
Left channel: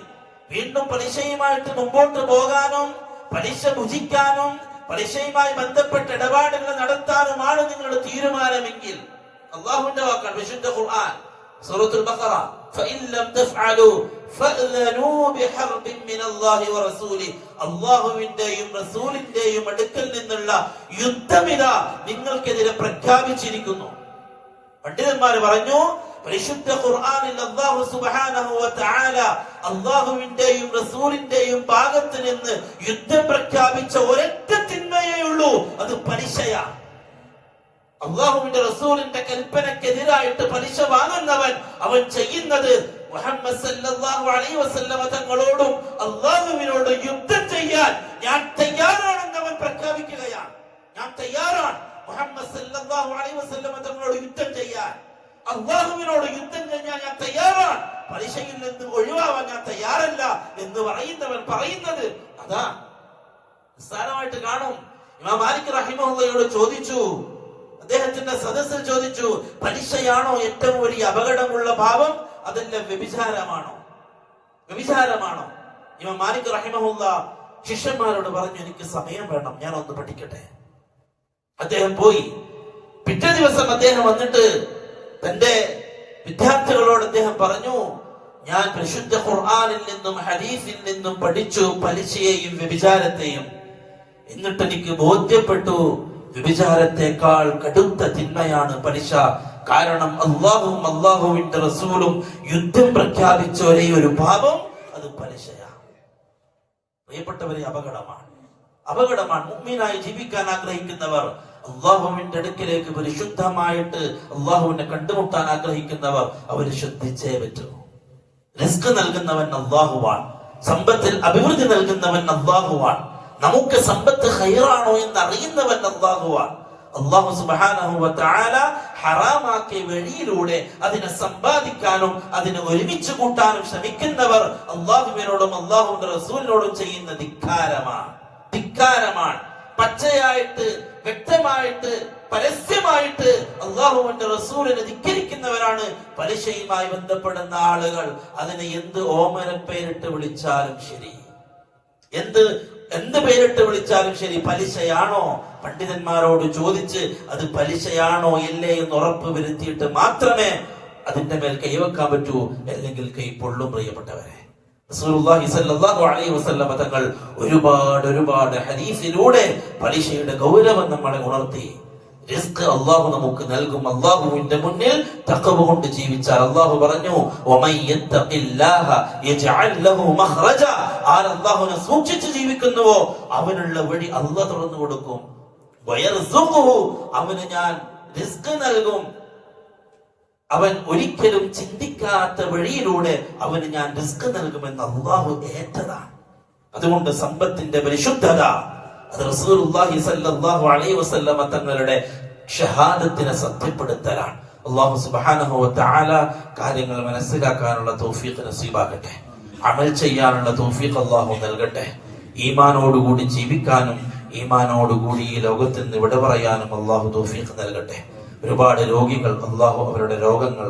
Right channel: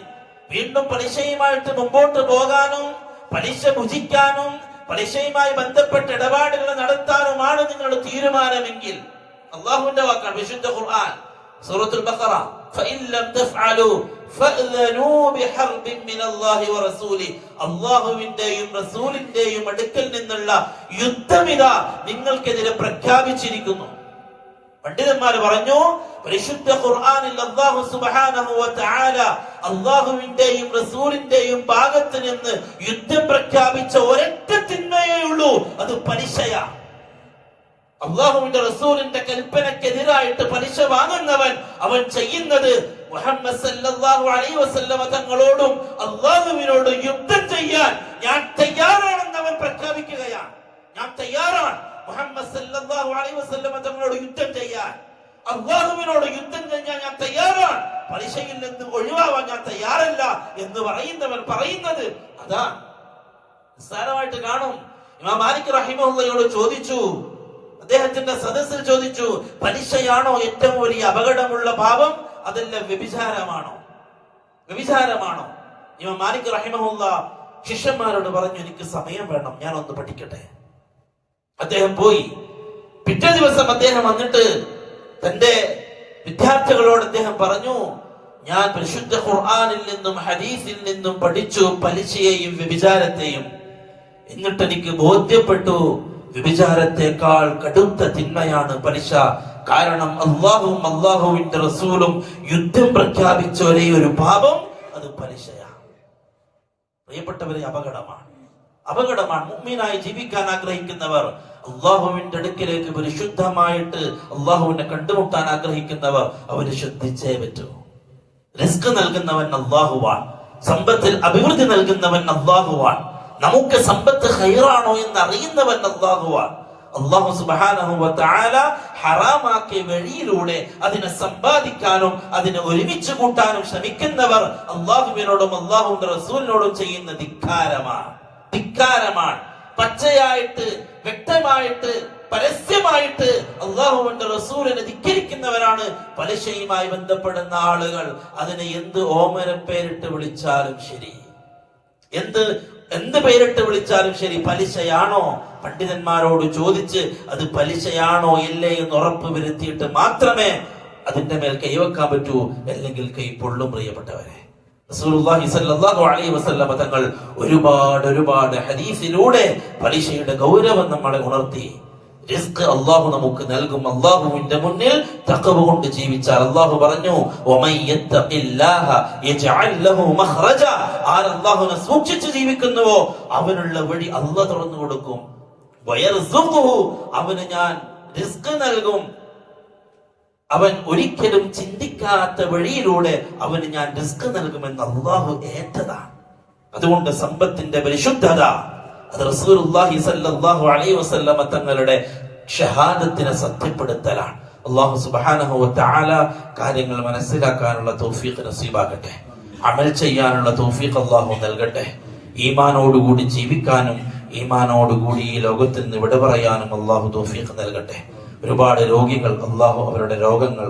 വീണ്ടും പലിശയുമായിട്ട് മുമ്പോട്ട് പോകാനും പലിശ ഭുജിക്കാനും പലിശയുമായി ബന്ധപ്പെട്ട ഇടപാടുകൾ നടത്താനുമാണ് നിങ്ങളുടെ തീരുമാനമെങ്കിൽ, അല്ലാഹുവിന്റെ വാക്കാണ് വിശുദ്ധ ഖുർആൻ സൂറത്തുൽ ബഖറ, ഫഇൻ ലം തഫഅലൂ ഫഅ്ലനൂ ബിഹർബിൻ മിനല്ലാഹി വറസൂലി, അല്ലാഹുവിന്റെയും റസൂലിന്റെയും അടുക്കൽ നിന്നുള്ള യുദ്ധമിതാ നിങ്ങൾക്കെതിരെ പ്രഖ്യാപിച്ചിരിക്കുന്നു. പണ്ഡിതന്മാർ പറഞ്ഞു, പരിശുദ്ധ ഖുർആനിൽ അല്ലാഹു സുബ്ഹാനഹു വ തആല അല്ലാഹുവിന്റെയും റസൂലിന്റെയും ഭാഗത്ത് നിന്ന് യുദ്ധം പ്രഖ്യാപിച്ച ഒരൊറ്റ തിന്മയേ ഉള്ളൂ, അത് പലിശയാണ്. അള്ളാഹുവിന്റെ റസൂലിന്റെ കൽപ്പനക്കെതിരായിട്ട് പലിശ വാങ്ങുന്നവൻ അവൻ ചെയ്യുന്നത് മുഹമ്മദ് സല്ലല്ലാഹു അലൈഹി വസല്ലമ തങ്ങളോടും അള്ളാഹുവിനോടും യുദ്ധം ചെയ്യാൻ ഞാൻ തയ്യാറാണെന്ന് അവൻ പ്രഖ്യാപിക്കുകയാണ്. ഞാൻ തയ്യാറാണ് മുഹമ്മദ് സല്ലല്ലാഹു അലൈഹി വസല്ലമ തങ്ങളോട് യുദ്ധം ചെയ്യാൻ, അള്ളാഹുവിനോട് യുദ്ധം ചെയ്യാൻ ഞാൻ തയ്യാറാണ്, പലിശയിൽ നിന്ന് ഒഴിവാവാൻ ഞാൻ തയ്യാറല്ല എന്ന് പറയുന്നവൻ പറയുന്നത് അതാണ്. നിസ്സാരമായിട്ട് കാണും. ഇമാം മാലിക് റഹിമഹുള്ളയോട് ചോദിച്ചു, അദ്ദേഹത്തിന്റെ സദസ്സിൽ ചോദിച്ചു, പലിശയാണോ ഏറ്റവും വലിയ അപകടമുള്ള പാപം, അതല്ല വ്യഭിചാരമാണോ? വ്യഭിചാരമാണോ? ഇമാം മാലിക് റഹിമഹുള്ള ശിഷ്യന്മാരോട് പറഞ്ഞു, എനിക്ക് സമയം വേണം, ഞാൻ ഒന്ന് പഠിക്കട്ടെ. അദ്ദേഹം പോയി. പിറ്റേ ദിവസം അദ്ദേഹം വന്നിട്ട് തന്റെ വിദ്യാർത്ഥികളോട് അദ്ദേഹം പറഞ്ഞു, ഞാൻ പരിശുദ്ധ ഖുർആനിൽ നിന്നും ഹദീസിൽ നിന്നും പഠിച്ചു പലിശയെയും വ്യഭിചാരത്തെയും. എന്നിട്ട് എനിക്ക് ബോധ്യപ്പെട്ടു, വ്യഭിചാരത്തെക്കാൾ കടുത്ത തിന്മയാണ് പലിശ. കാരണം അള്ളാഹുവും അള്ളാഹുവിന്റെ റസൂലും യുദ്ധം പ്രഖ്യാപിച്ച ഒരേ ഒരു പാപം അത് പലിശയാണ്. പ്രിയപ്പെട്ടവരെ, അപകടമാണ്. മുഅ്മിനായി ജീവിക്കാൻ ആഗ്രഹിക്കുന്നവർ, അള്ളാഹുവിന്റെ അടുക്കിലേക്ക് പരിശുദ്ധമായിട്ട് അള്ളാഹുവിനെ കണ്ടുമുട്ടാൻ ആഗ്രഹിക്കുന്നവർ അവര് ശ്രദ്ധിച്ചേ പറ്റൂ. റിസ്ക് നൽകുന്നവൻ അള്ളാഹുവാൻ, സമ്പത്തിൽ അഭിവൃദ്ധി നൽകുന്നവൻ അള്ളാഹുവാൻ, നമുക്ക് സമ്പത്ത് ഖൈറാണോ എന്ന് അറിയുന്നവൻ അള്ളാഹുവാൻ. അള്ളാഹു സുബ്ഹാനഹു വ തആല ഹറാമാക്കിയ വഴിയിലൂടെ അതിനെ സമ്പാദിക്കാനും അതിനെ ഒരുമിച്ച് കൂട്ടാനും ശ്രമിക്കുന്നവർ അള്ളാഹുവിനോടും അള്ളാഹുവിന്റെ റസൂലിനോടും ചെയ്യുന്ന ധിക്കാരമാണ്. പച്ചയായിട്ട്, വ്യക്തമായിട്ട്, പരസ്യമായിട്ട് അള്ളാഹുവിന്റെ റസൂലിനെ ധിക്കരിക്കുന്നവരാണ് പലിശയുമായി ബന്ധപ്പെടുന്ന ആളുകൾ. അതിനെ എന്ത് ഓമനപ്പേരിട്ട് വിളിച്ചാലും ശരി, എന്ത് പേരിട്ട് വിളിച്ചാലും ശരി, പലിശയാണോ? പണ്ഡിതന്മാരോട് ചോദിച്ച് അത് പലിശയാണോ ഇല്ലേ എന്ന് ഉറപ്പ് വരുത്തിയിട്ട് മാത്രമേ അതിന്റെ മേൽ കൈവെക്കാൻ പറ്റൂ, അല്ലെങ്കിൽ കൈ പൊള്ളും. പ്രിയപ്പെട്ടവരെ, റസൂലുള്ളാഹി സ്വല്ലല്ലാഹു അലൈഹി വസല്ലമ തങ്ങൾ ഒരുപാട് ഹദീസിലൂടെ പലിശയുടെ ഗൗരവം നമ്മളെ ഉണർത്തി. റിസ്ക് അല്ലാഹു നമുക്ക് നൽകും. അല്ലാഹുവിന്റെ മുന്നിൽ തഖ്വ കൊണ്ട് ജീവിച്ചാൽ അല്ലാഹു പറഞ്ഞു, വമൻ യത്തഖില്ലാഹ യജ്അൽ ലഹു മഖ്റജ. ആര് അല്ലാഹുവിനെ സൂക്ഷിച്ച് ജീവിക്കുന്നുവോ അവനുള്ള വഴി അല്ലാഹു തുറന്നു കൊടുക്കും. വയർസുഖുഹു, അവന് ഞാൻ റിസ്ക് നൽകും. അവൻ ഒരിക്കലും ചിന്തിക്കാത്ത വഴിയിലൂടെ അവന് ഞാൻ റിസ്ക് നൽകുമെന്ന് അല്ലാഹു ഏറ്റതാണ്. അതുകൊണ്ട് സമ്പത്തിന്റെ പരിശുദ്ധത അത് റസൂലുള്ളാഹി സ്വല്ലല്ലാഹു അലൈഹി വസല്ലമ തങ്ങളുടെ ഷഹാദത്തിനെ സത്യപ്പെടുത്തലാണ്. അല്ലാഹു സുബ്ഹാനഹു വ തആല കാര്യങ്ങൾ മനസ്സിലാക്കാനുള്ള തൗഫീഖ് നസീബാക്കട്ടെ. അമൽ ചെയ്യാനുള്ള തൗഫീഖ് അല്ലാഹു നൽകട്ടെ. ഈമാനോടുകൂടി ജീവിക്കാനും ഈമാനോടുകൂടി ഈ ലോകത്തിൽ നിന്ന് വിട പറയാനും അല്ലാഹു തൗഫീഖ് നൽകട്ടെ. ഒരുപാട് രോഗികൾ, അല്ലാഹു അവരുടെ രോഗങ്ങൾ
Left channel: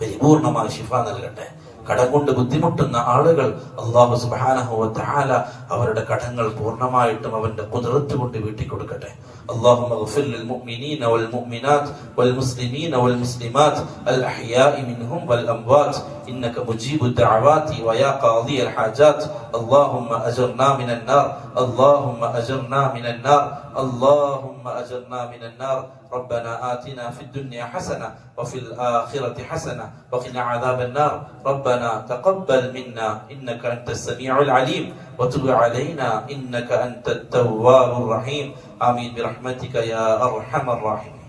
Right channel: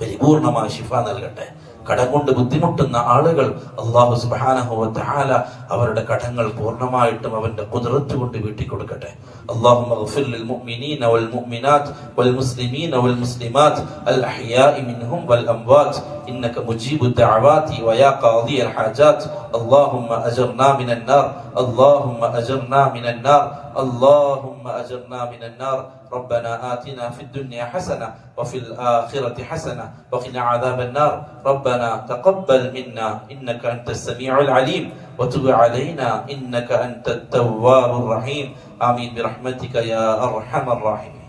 പരിപൂർണമായ ശിഫ നൽകട്ടെ. കടം കൊണ്ട് ബുദ്ധിമുട്ടുന്ന ആളുകൾ അല്ലാഹു സുബ്ഹാനഹു വ തആല അവരുടെ കടങ്ങൾ പൂർണ്ണമായിട്ടും അവന്റെ ഖുദ്റത്ത് കൊണ്ട് വീട്ടി കൊടുക്കട്ടെ. اللهم اغفر للمؤمنين والمؤمنات والمسلمين والمسلمات الأحياء منهم والأموات إنك مجيب الدعوات ويا قاضي الحاجات. اللهم أجرنا من النار، اللهم أجرنا من النار، اللهم أجرنا من النار. ربنا آتنا في الدنيا حسنة وفي الآخرة حسنة وقنا عذاب النار. ربنا تقبل منا إنك أنت السميع العليم وتب علينا إنك أنت التواب الرحيم. آمين برحمتك يا أرحم الراحمين.